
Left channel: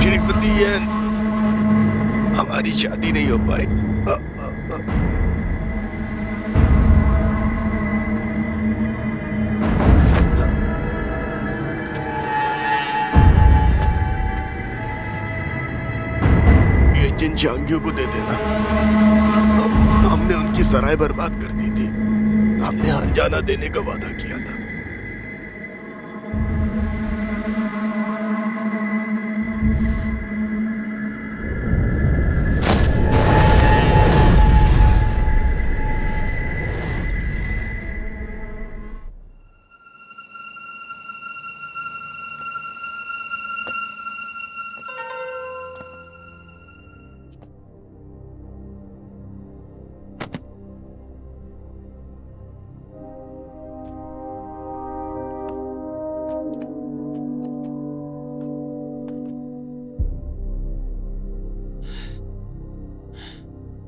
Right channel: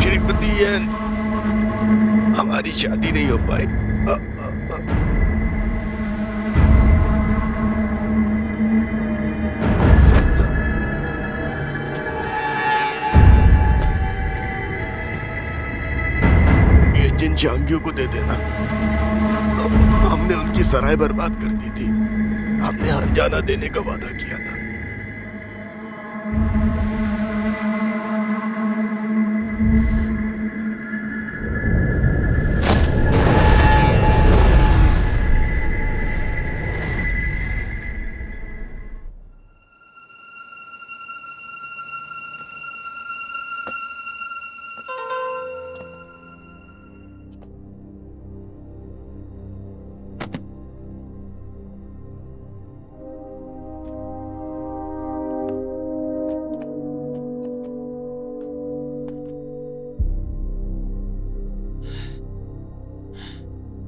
श्रीपति येन, हमारी शादी नहीं हो पाई। ये जिन शांगियों को दे देना। हमने उनकी सराय बर्बाद कर दी थी। हमने हर जाना देने का वादा किया था।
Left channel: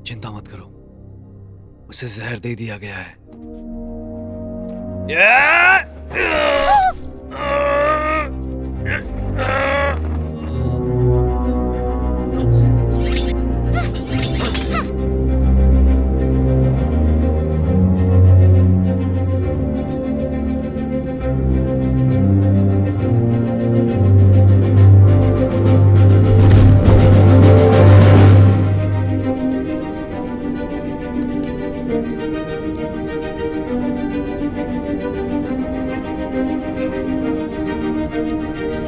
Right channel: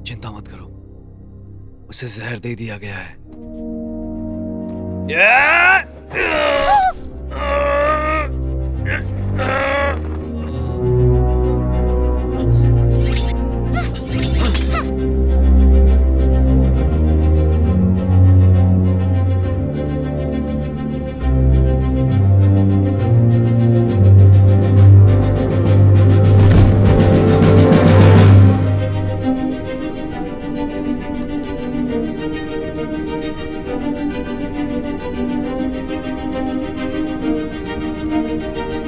चिंता मत करो, उसे जहर दे दिया गया है।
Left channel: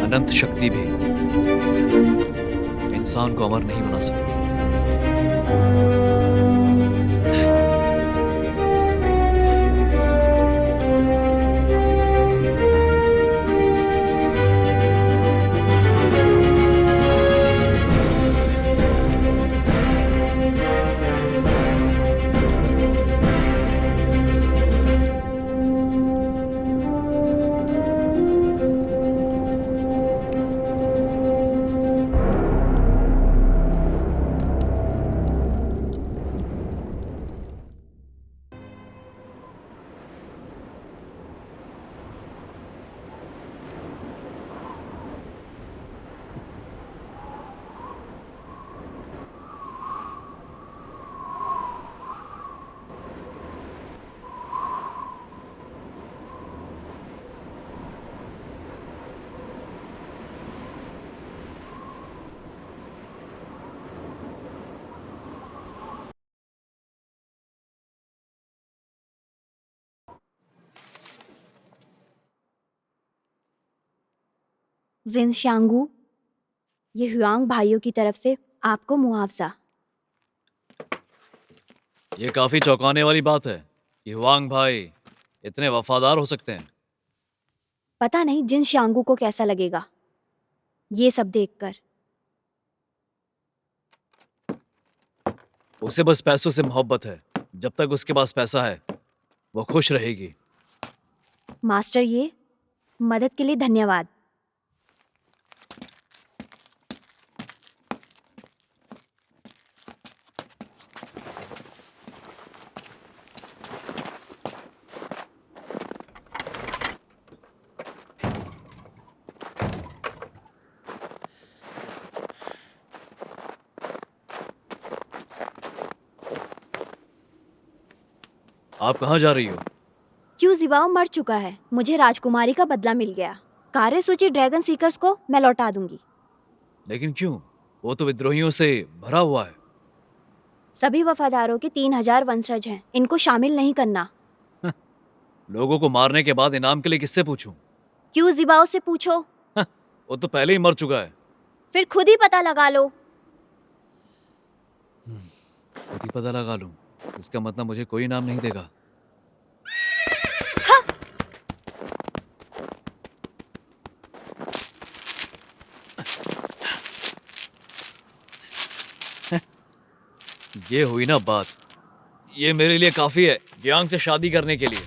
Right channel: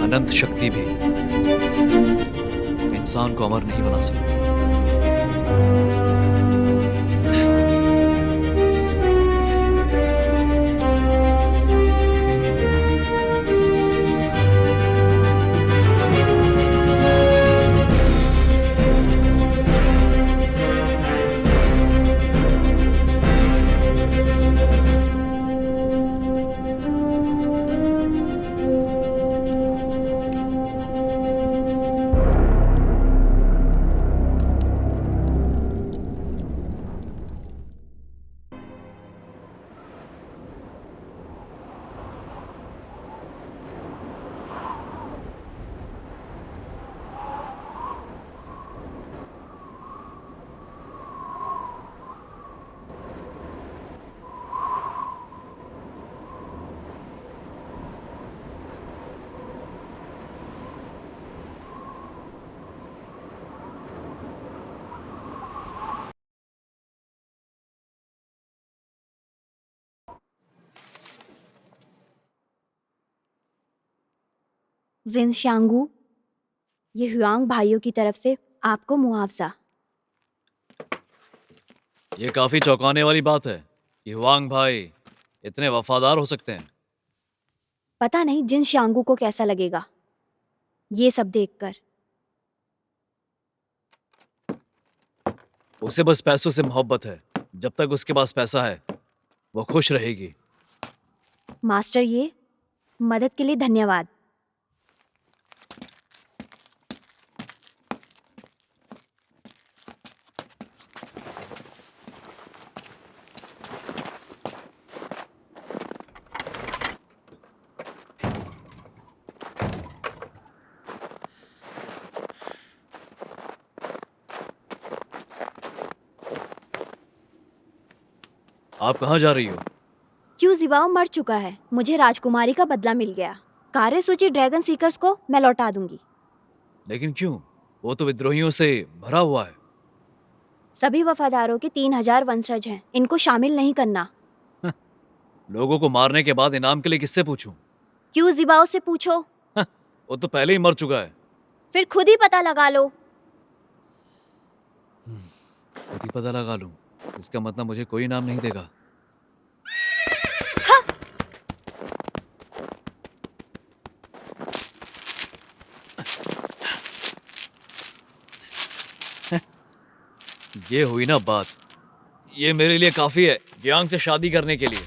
अनंत शक्ति भी इंसान को अमर नहीं बना सकती। जिन शांगू, ये हुआंग भाइयों की तरफ से आपको मुआवजा। ये काफी चौंकाने वाली बात है कि हुआंग भाई इतने वफादार हो सकते हैं। पता नहीं जिन शांगू को कैसा लगेगा ये सब देखकर। उसे बस पैसों से मोहब्बत है। जब तक उसके पास पैसा है वो खुश रहेगी। मास्टर, ये मदद के लिए धन्यवाद। आप कहाँ जा रही हो? क्यों जिबाओ मर चुका है, मुझे राजकुमारी का बदला मिल गया। कार्यसूची ड्रैगन सीकर्स को मैं लौटा दूंगी। लेकिन क्यों? वो तो विद्रोहियों से भरा हुआ है। सभी वफादारों के 3000 वंशज हैं, इनको शामिल नहीं करना। लोगों को मारने के बाद इनाम के लिए किससे पूछूं? क्यों जिबाओ से पूछो, वो तो पहले ही मर चुका है। फिर खुद ही पता लगा लो। खुद ही पता लगा लूं, इसका मतलब मुझे कोई इनाम नहीं देगा। ये हुई ना बात। ये मेरे लिए काफी है यांग से शादी करने के लिए।